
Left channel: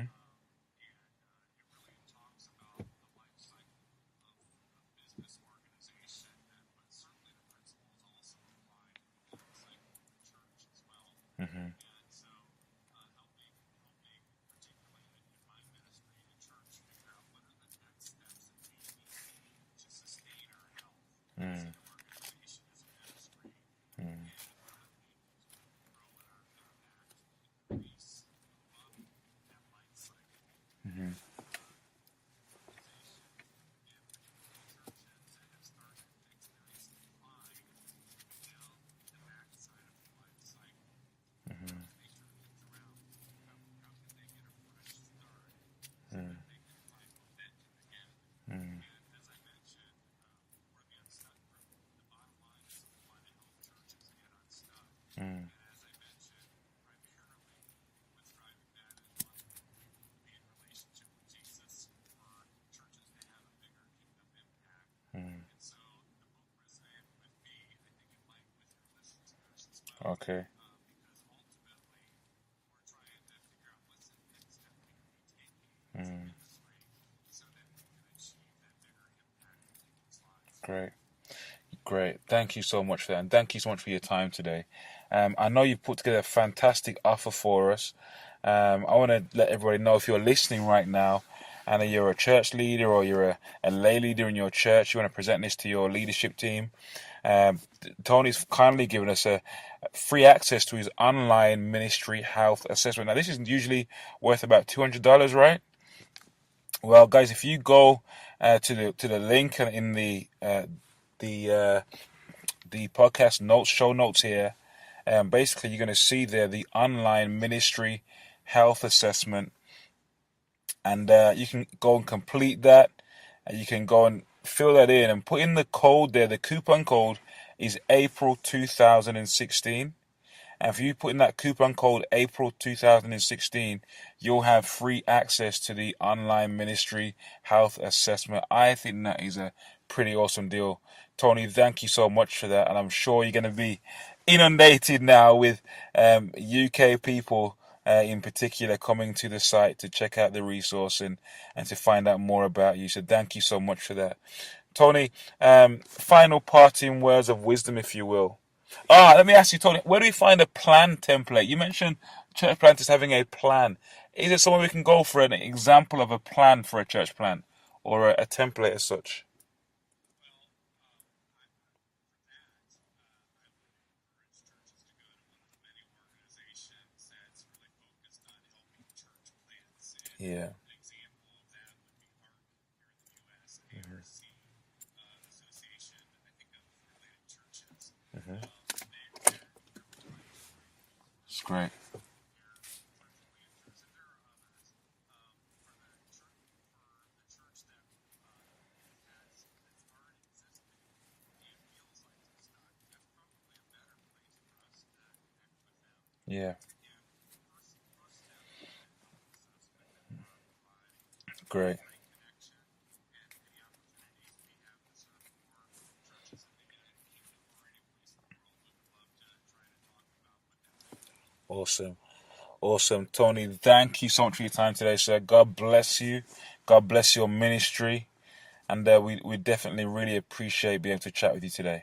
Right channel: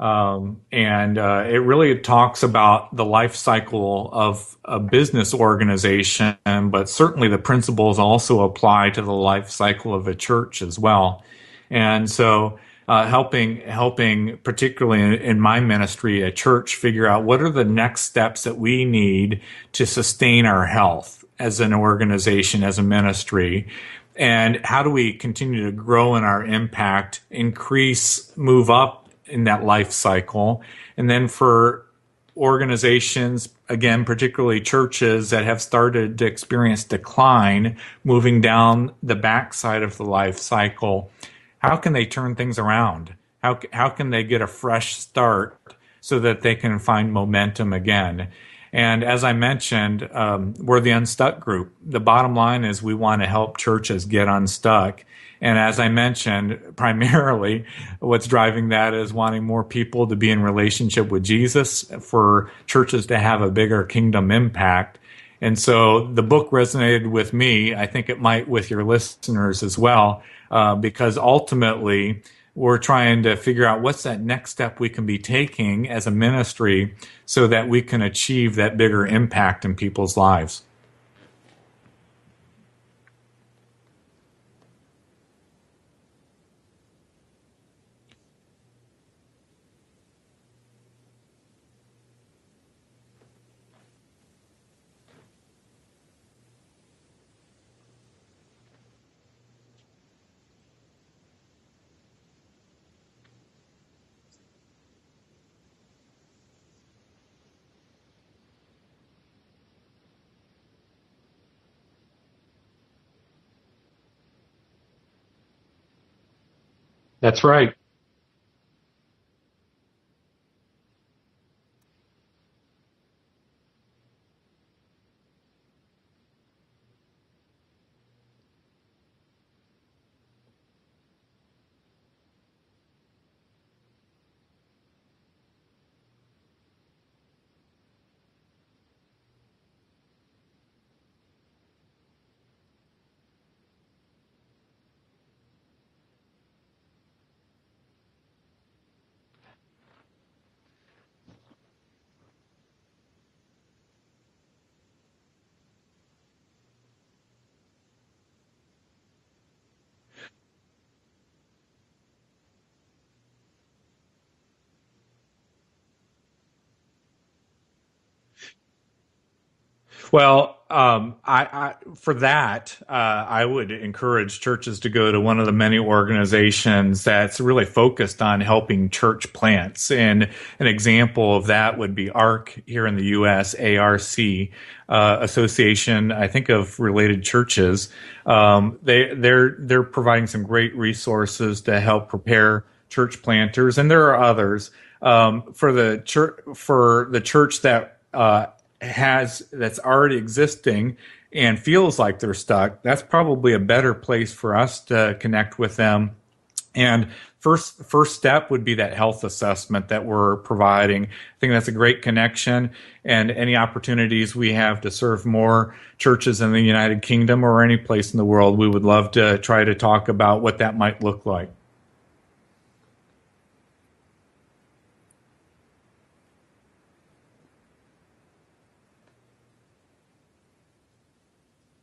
And it really talks about the life cycle of a business organization, but certainly the principles also apply to the life cycle of a church as well. And so helping particularly in my ministry, a church, figure out what are the next steps that we need to sustain our health as an organization, as a ministry, and how do we continue to grow in our impact, move up in that life cycle. And then for organizations, again, particularly churches that have started to experience decline, moving down the backside of the life cycle, how can they turn things around? How can they get a fresh start so that they can find momentum again? And as I mentioned, we're the Unstuck Group. The bottom line is we want to help churches get unstuck. And as I mentioned, primarily what's driving that is wanting more people to be in relationship with Jesus, for churches to have a bigger kingdom impact. And so the book resonated with me. I think it might with your listeners as well, because ultimately we're trying to figure out what's that next step we can be taking as a ministry so that we can achieve that bigger impact in people's lives. Great. Thank you so much for that. And thank you so much for your time today. I know you've put together a fantastic offer for us. I want to let everybody know, if you're listening right now and you're a church leader or you're a lay leader in your church, you want to present this to your leadership team. Tony's kindly given us a free access to his online ministry health assessment. Now, this is usually worth about $200, right? Well, guys, if you go to the link in the podcast notes, show notes here, basically you're going to see there the online ministry health assessment, and you can go and complete that, and you can go and fill that in and put in the code there. The coupon code is April 2016. And if you put in that coupon code April 2016, you'll have free access to the online ministry health assessment. I think that is a pretty awesome deal. Tony, thank you so much for that. And I'm sure you're going to be inundated now with UK people in particular coming to the site to check out the resource and to find out more about you. So thank you so much for that. Tony, final parting words of wisdom, if you will. Let me ask you, Tony, where do we find a plan template? You mentioned church planters having a plan. Is it somewhere we can go for an example of a plan for a church plant, or a template as such? Well, I would encourage churches to go to one of the many organizations that's really focused on helping church plants. And an example of that would be ARC here in the U.S., ARC, Association, I think, of Related Churches. They're providing some great resources to help prepare church planters, and there are others. For the church that that's already existing and feels like they're stuck, that's probably a better place for us to connect with them. And first step would be that health assessment that we're providing. I think that's a great connection, and any opportunities we have to serve more churches in the United Kingdom or any place in the world, we would love to try to talk about what that might look like. Awesome. Tony, thank you so much for your time today, sir. God bless you. God bless your ministry. And we definitely really appreciate being able to chat with you today.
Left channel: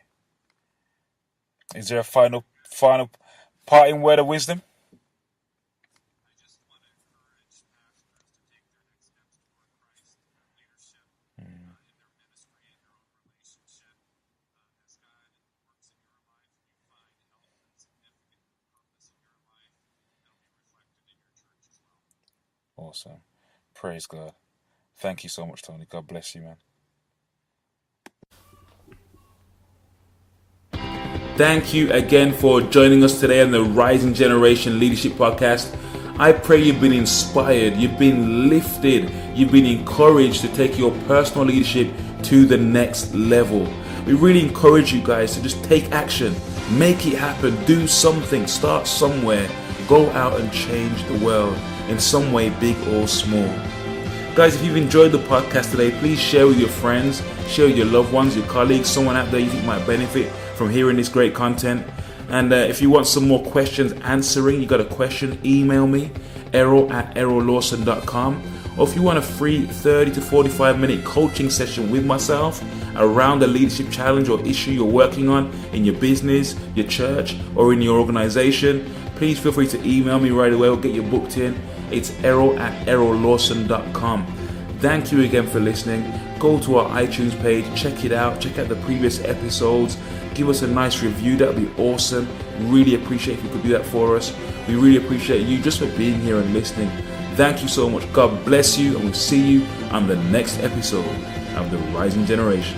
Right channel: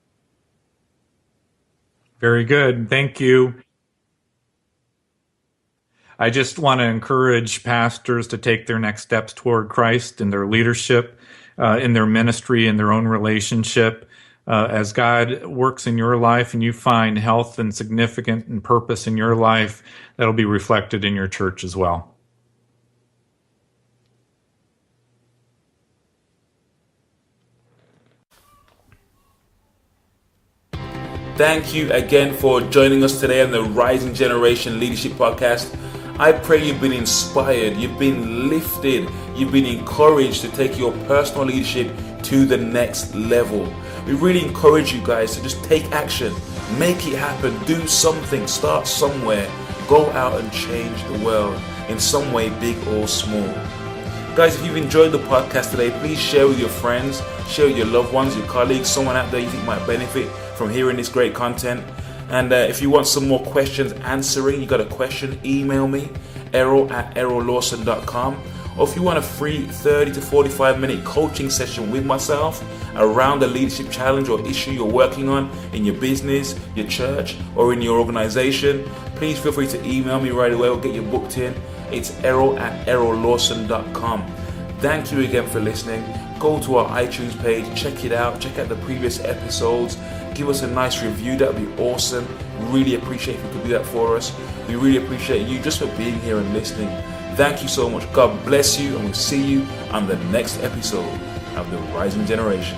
Is there a Very good. Thank you. Parting word of wisdom? I just want to encourage pastors to take their next steps toward Christ in their leadership, in their ministry, in their own relationship. As God works in your life and you find health and significance and purpose in your life, that'll be reflected in your church as well. Awesome. Praise God. Thank you so much, Tony. God bless you, man. Thank you again for joining us today on the Rising Generation Leadership Podcast. I pray you've been inspired, you've been lifted, you've been encouraged to take your personal leadership to the next level. We really encourage you guys to just take action, make it happen, do something, start somewhere, go out and change the world in some way, big or small. Guys, if you've enjoyed the podcast today, please share with your friends, share with your loved ones, your colleagues, someone out there you think might benefit from hearing this great content. And if you want some more questions answering, you got a question, email me, Errol@errollawson.com. Or if you want a free 30 to 45 minute coaching session with myself around the leadership challenge or issue you're working on in your business, your church, or in your organization, please feel free to email me right away or get you booked in. It's Errol@errollawson.com. Thank you again for listening. Go to our iTunes page, check it out, check out the previous episodes. Give us a nice review, that would be awesome. Really appreciate if you could do that for us. We really appreciate you just for being here and listening. Thank you so much. God bless you, and we'll see you on the next episode of The Rising Generation.